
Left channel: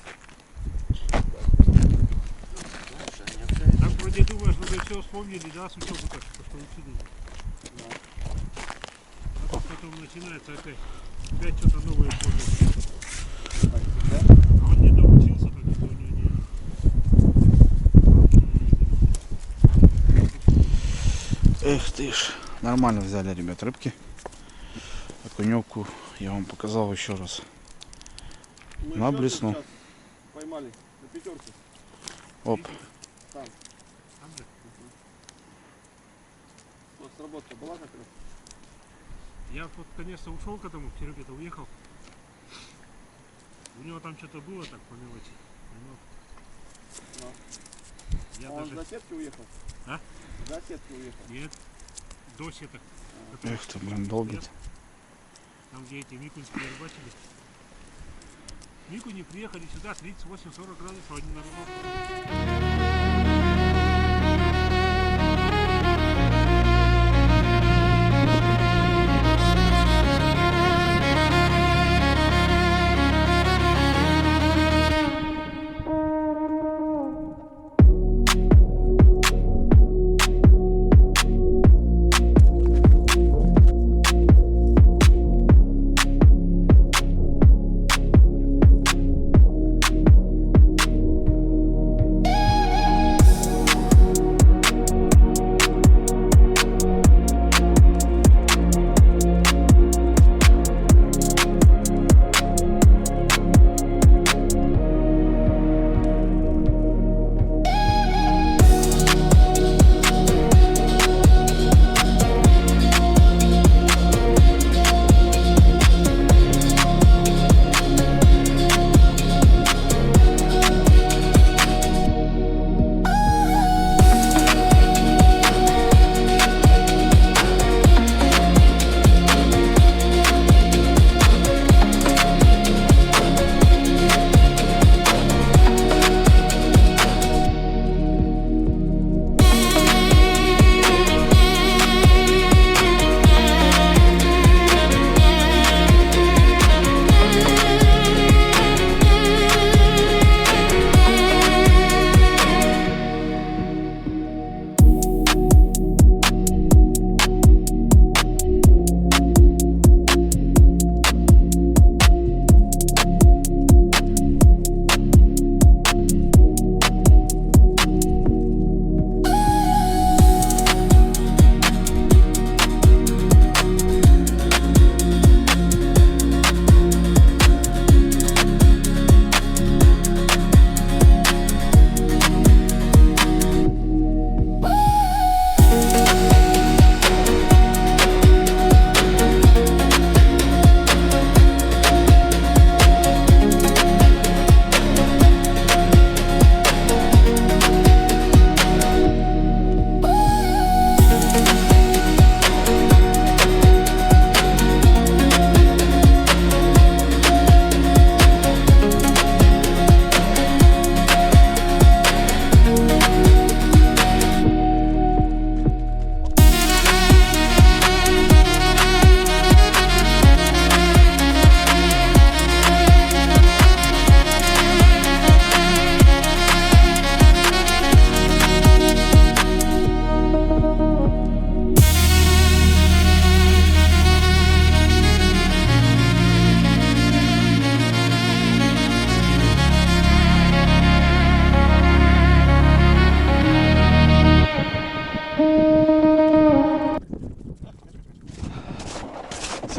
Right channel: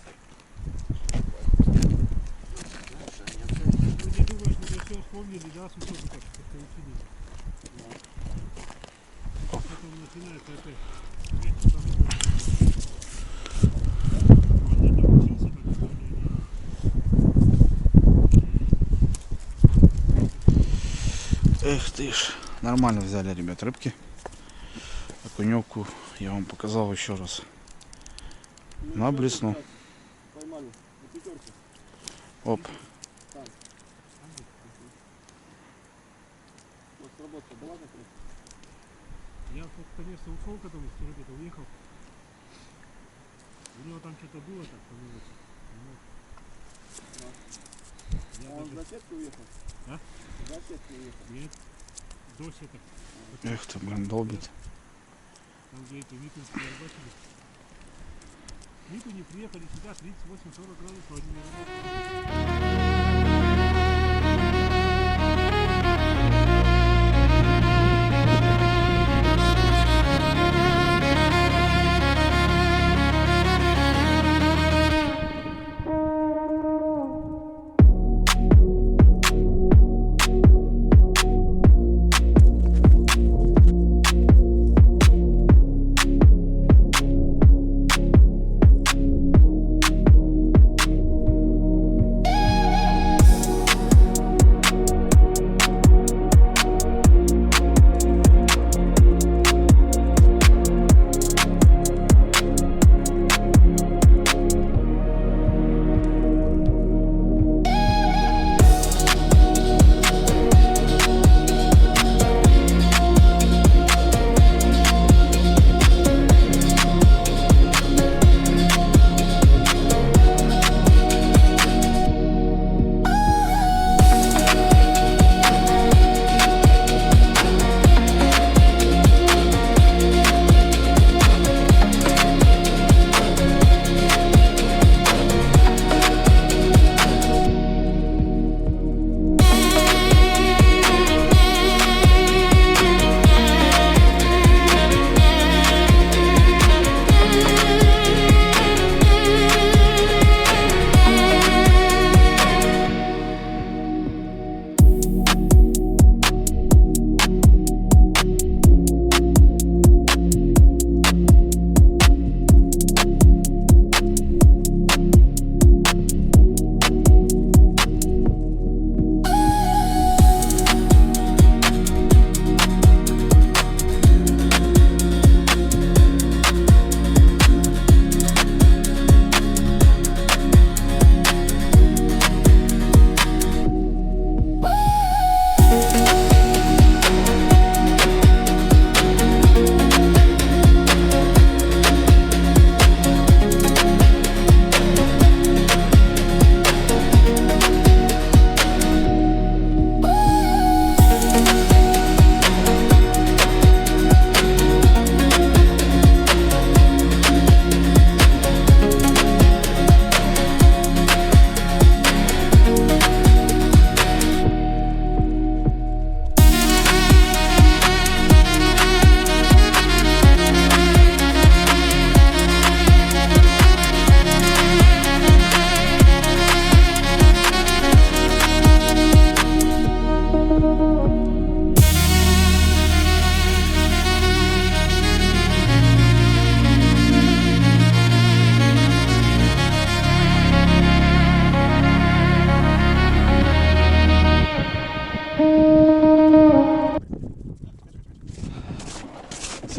Знаешь, они общаются. Так вроде думаешь, вроде все вспомнили, да, с учебы так, что учили. А потом начинается опять что-то новое вспомнить. А он не доучился, так что у него не... Эх ты ж. Нормально взяли, ребят, рыбки. Окуневку я вам показал еще раз. Мы На еще блесну. сейчас поймали на пятерку. Оп. Там. Там же. Вот сработка была как раз. Я вот конечно ушел к этому, к Сереге-то уехал. У него там что-то было так по мелочи. Но я Он даже... за сетки уехал? А? За сетки уехал. Нет, до сеток. Эх ты, блин, долбит. Там, где эти микунские рыбачили. Микуни приехали сюда 38-40 градусов, они на рыбалку.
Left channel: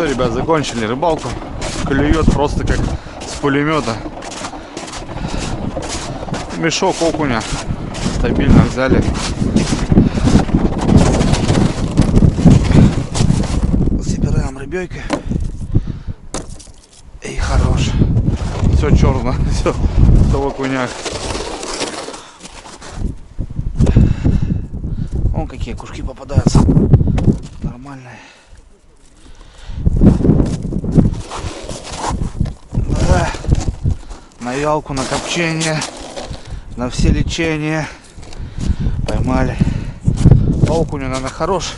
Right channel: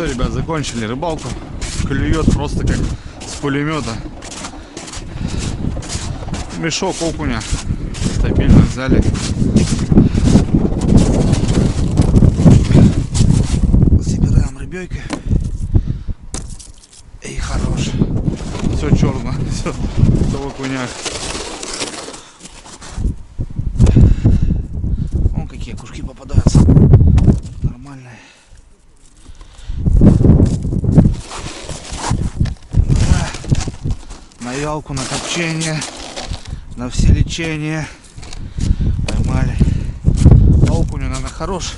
Все, ребят, закончили рыбалку. Клюет просто как с пулемета. Мешок окуня стабильно взяли. Собираем рыбёйкой. И хорош. Все черно, все в окунях. Вон какие кушки попадаются. Нормальные. Да. На вялку, на копчение, на все лечения. Поймали. По окуню, наверное, хорош.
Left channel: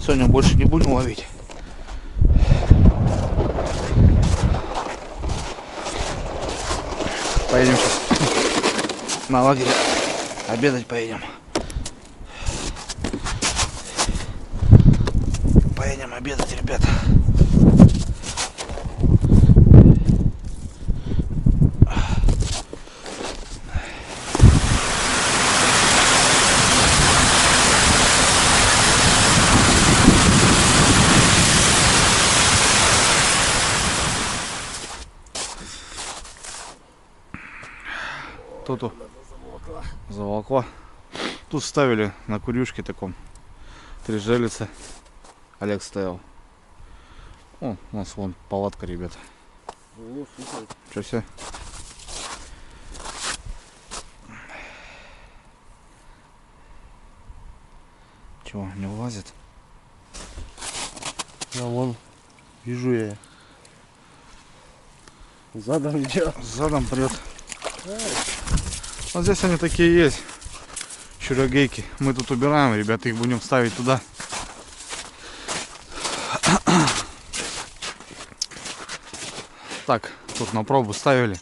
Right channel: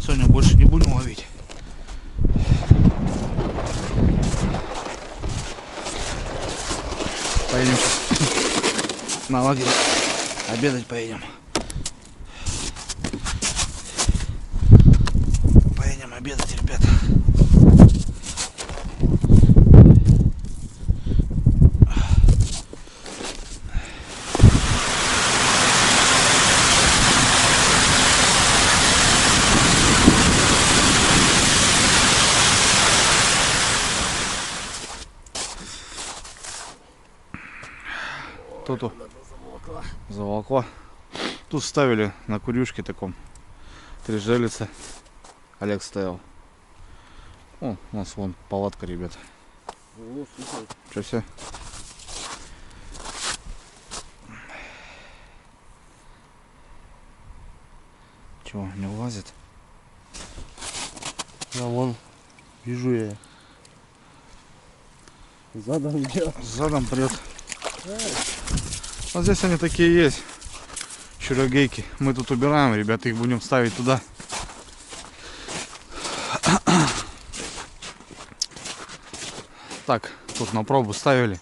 Сегодня больше не будем ловить. Поедем сейчас на лагерь. Обедать поедем. Поедем обедать, ребята. Тут заволокла. Тут ставили на курюшке таком. 3 желицы. Олег стоял. О, у нас вон палатка, ребята. О, слушай. Что все? Чего, не влазит? А вон, вижу я. Задом идет. Задом прет. Вот здесь они такие есть. Чурогейки. Мы тут убираем, ребята, их будем ставить туда. Так, тут на пробу ставили.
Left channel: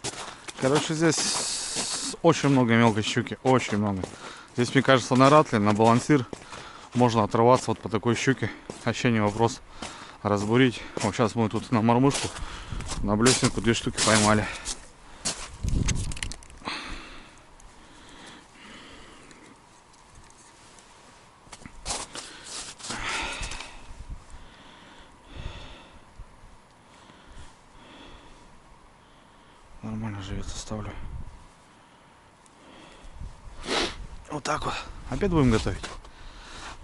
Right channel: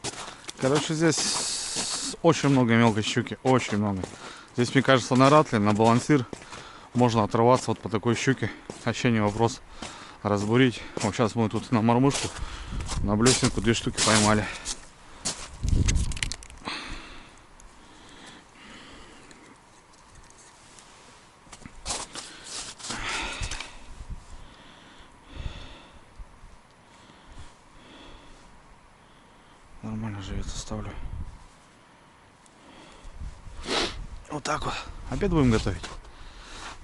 Короче, здесь очень много мелкой щуки. Очень много. Здесь, мне кажется, на ратле, на балансир можно отрываться вот по такой щуке. Вообще не вопрос разбурить. Вот сейчас мы тут на мормышку, на блесенку 2 штуки поймали. Нормально живется, ставлю. Вот так вот. Обед будем готовить.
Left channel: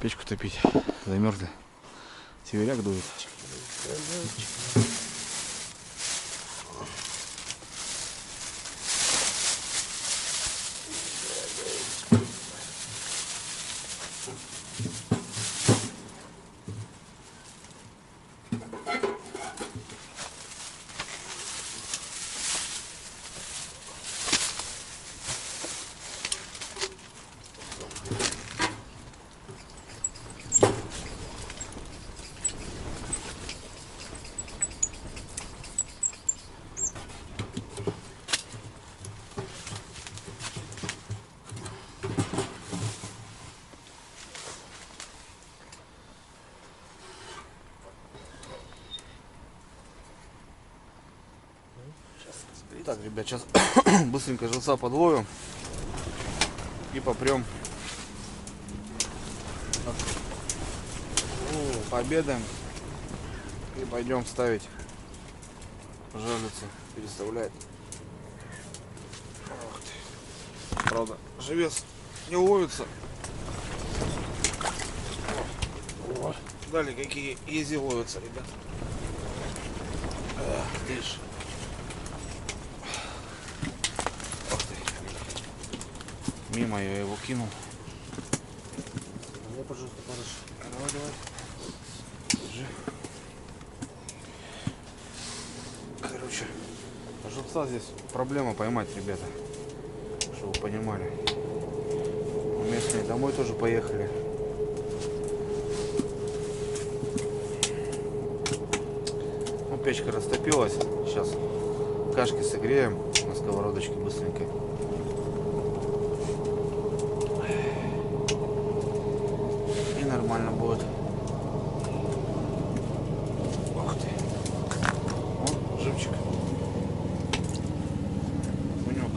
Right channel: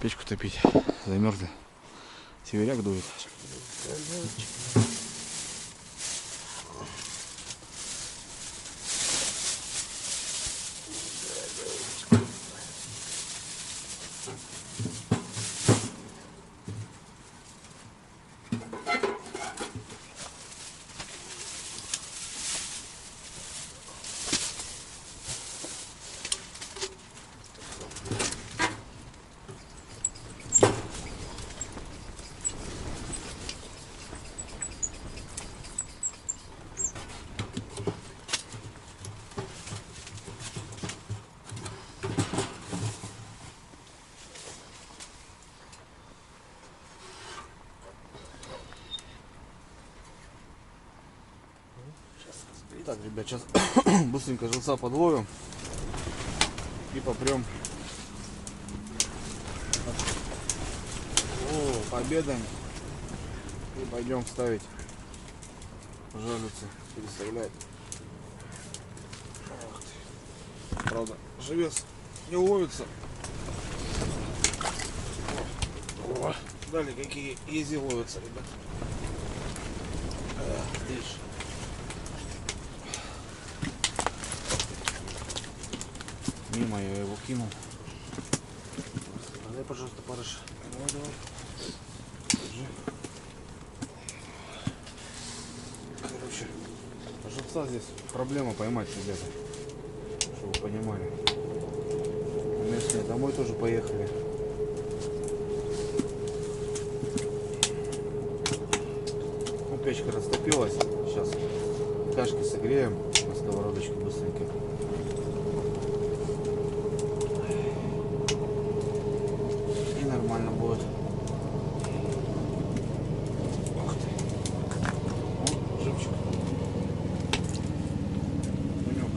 Печку топить. Замерзли. Северяк дует. Так, ребят, сейчас быстренько живца подловим и попрем. О, пообедаем и пойдем ставить жерлицы, переставлять. Ох ты. Правда, живец не ловится. О, далее какие изи ловятся, ребят. Видишь. Мимо я его кинул. Давай, пожалуйста, парыш. Давай, давай. Держи. Короче, живца здесь проблема поймать, ребята. Чтобы вы понимали. Местные домой тоже поехали. Ну, печка растопилась. Сейчас кашки согреем на сковородочке быстренько. Нормально будет. Ах ты. Вон, живчик. Кунек.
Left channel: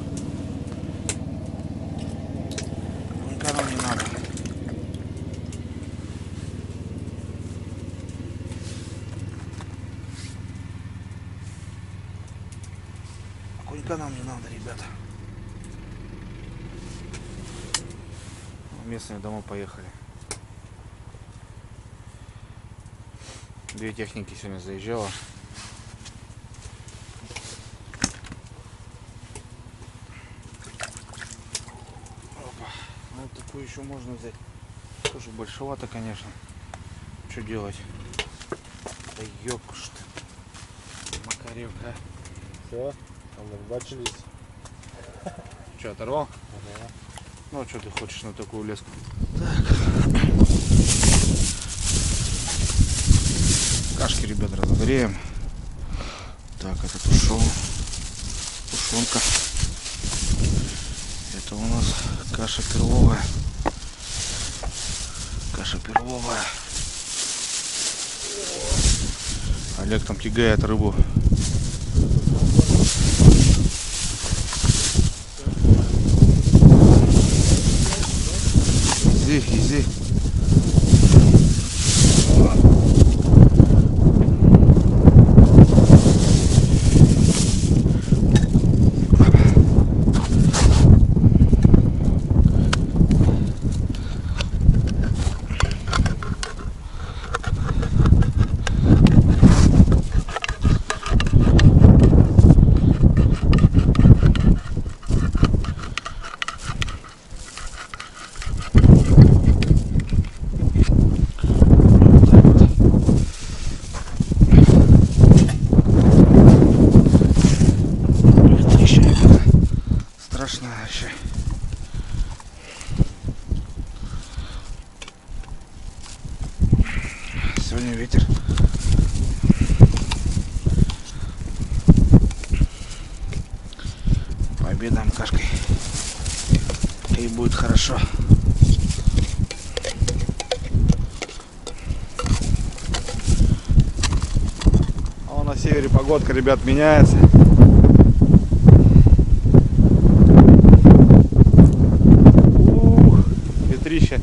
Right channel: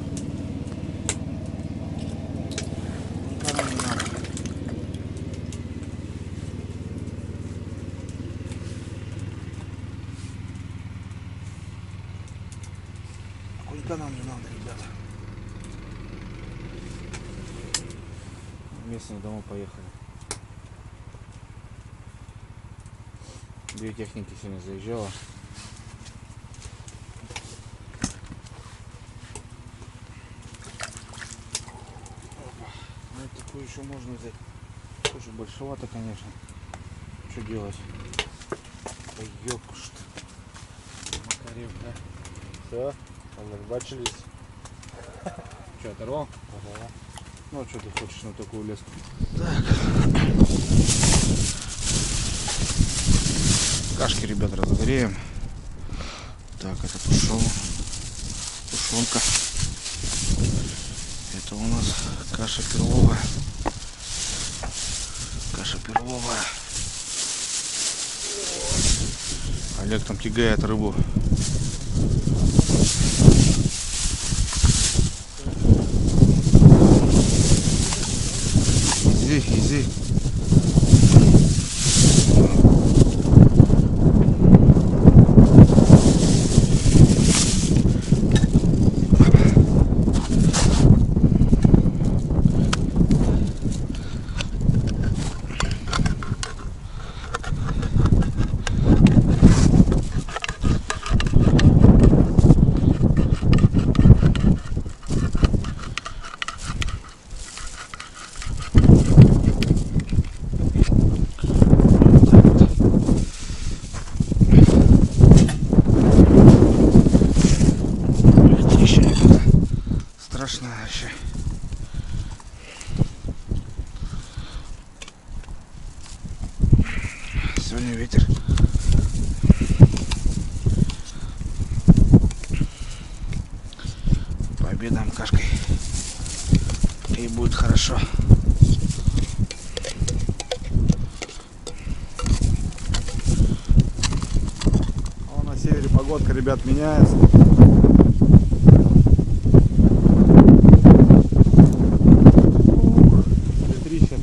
Никому не надо. Далеко нам не надо, ребята. Местные дома поехали. 2 техники сегодня заезжало. Опа. Ну, такую еще можно взять. Тоже большевато, конечно. Что делать? Да ёпкушт. Макаревка. Все, бачились. Что, оторвал? Ага. Ну а что ты хочешь на такую леску? Так. Кашки, ребят, разогреем. Так, это тушенка. Это у нас каша перловая. Олег там тягает рыбу. Изи. Страшно вообще. Сегодня ветер. Пообедаем кашкой. И будет хорошо. А на севере погодка, ребят, меняется. Ветрище.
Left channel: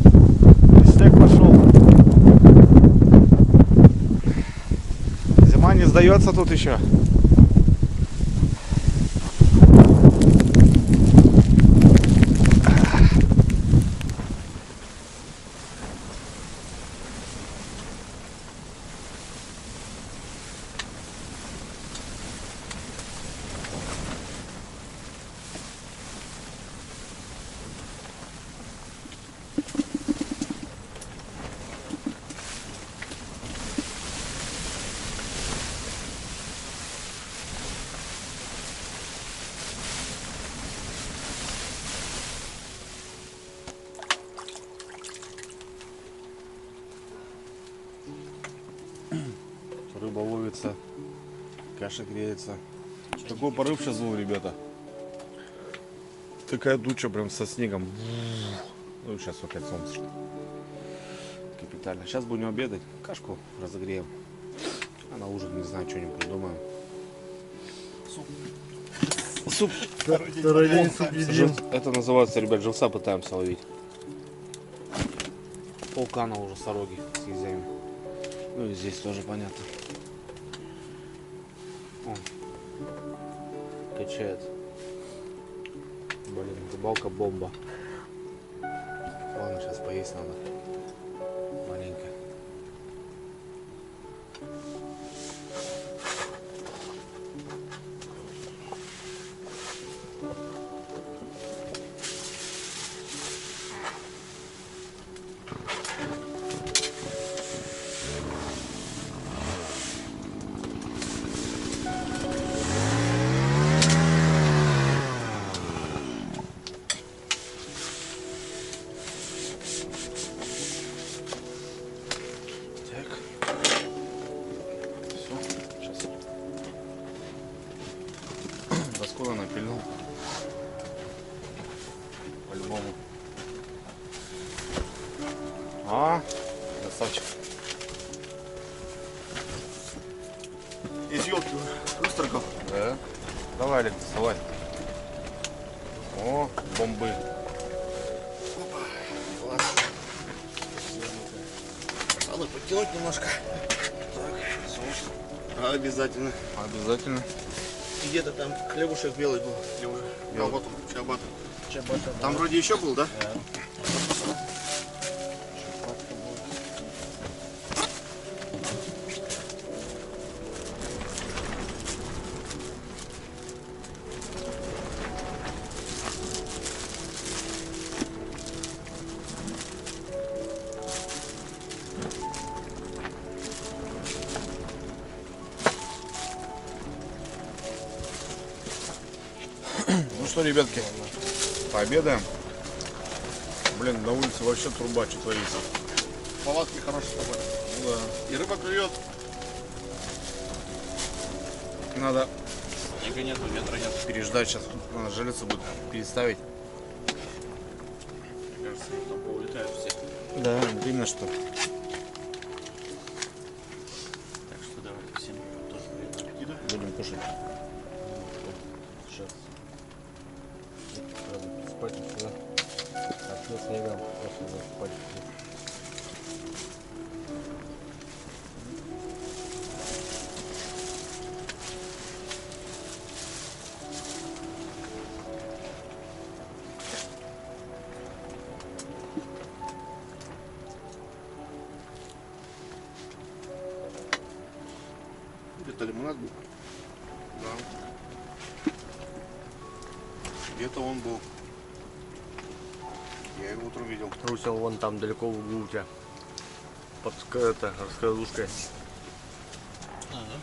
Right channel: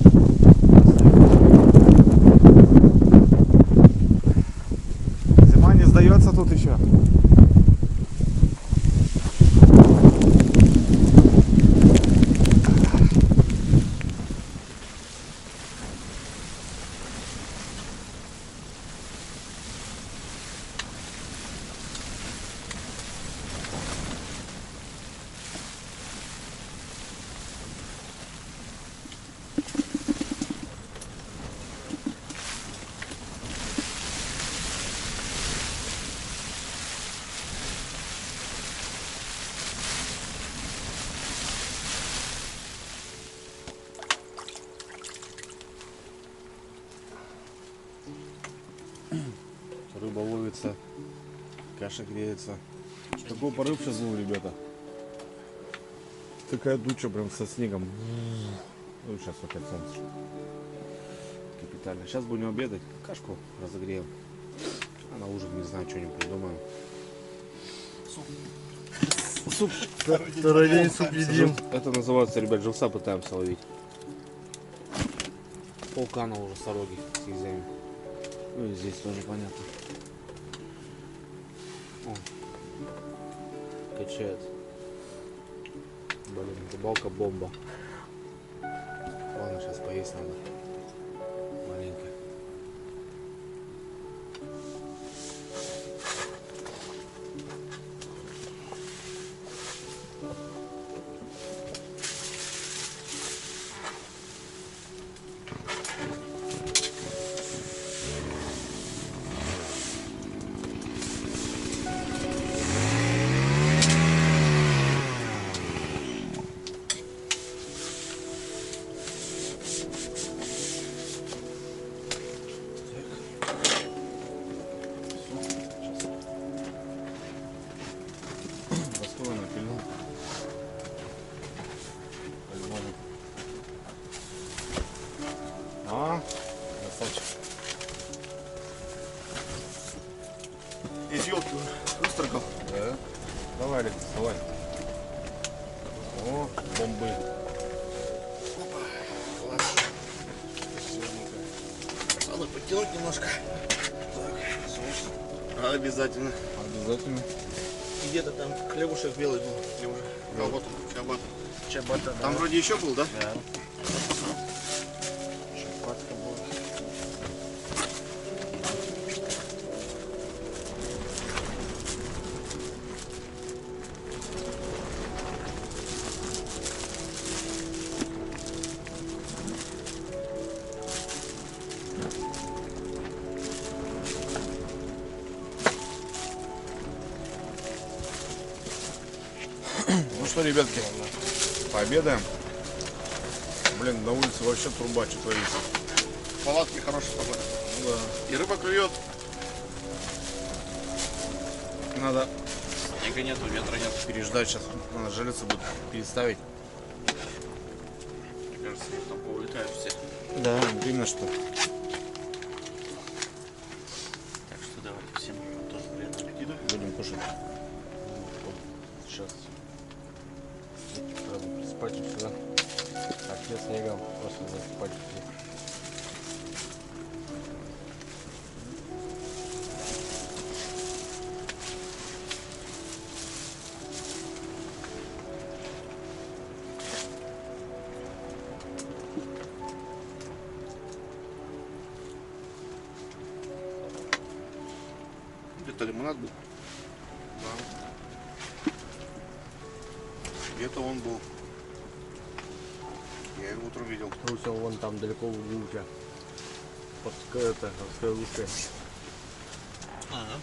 И снег пошел. Зима не сдается тут еще. Рыба ловится, каша греется. Такой порыв сейчас был, ребята. Такая туча прям со снегом. Ну, сейчас опять солнце. Капитально. Сейчас будем обедать. Кашку разогреем. А на ужин, не знаю, что-нибудь придумаем. Суп. Второй день суп едим. Это называется, ребят, живца пытаемся ловить. Полкана уже сороги с язями. Ну и здесь тоже понятно. О, качает. Блин, рыбалка бомба. Ладно, сейчас поесть надо. Маленько. Напильнул. По-любому. Красавчик. Из елки выстрогал. Да. Давай, Олег, доставай. О, бомбы. Опа. Класс. Надо подтянуть немножко. Так, обязательно. Обязательно. И где-то там хлебушек белый был. Или уже? А вот он, чабата. Чабата, Там вроде еще был, да? Да. Чабатка была. Ну что, ребятки, пообедаем. Блин, на улице вообще труба, что творится. Палатки хорошие с тобой. Ну да. И рыба клюет. Надо Снега нету, ветра нет. переждать сейчас. Надо жилица будет переставить. Мне кажется, их там поулетают все. Да, видно, что. Так что давайте всем тоже приятного аппетита. Будем кушать. Сейчас. Сразу спать сюда. А все снегом просто засыпать. Где-то лимонад был. Да. Где-то он был. Я его утром видел. Руся вон там далеко в углу у тебя. Под раскладушкой. Ага.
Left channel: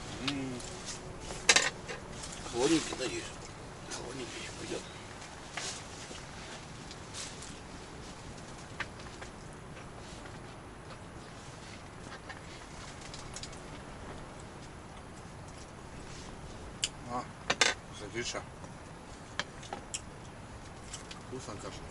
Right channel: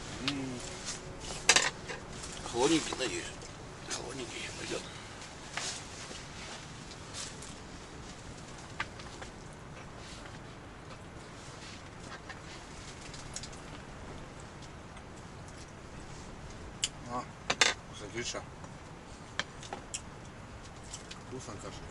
Холодненький, надеюсь. Холодненький пойдет. А, смотри, что. Вкусно каша.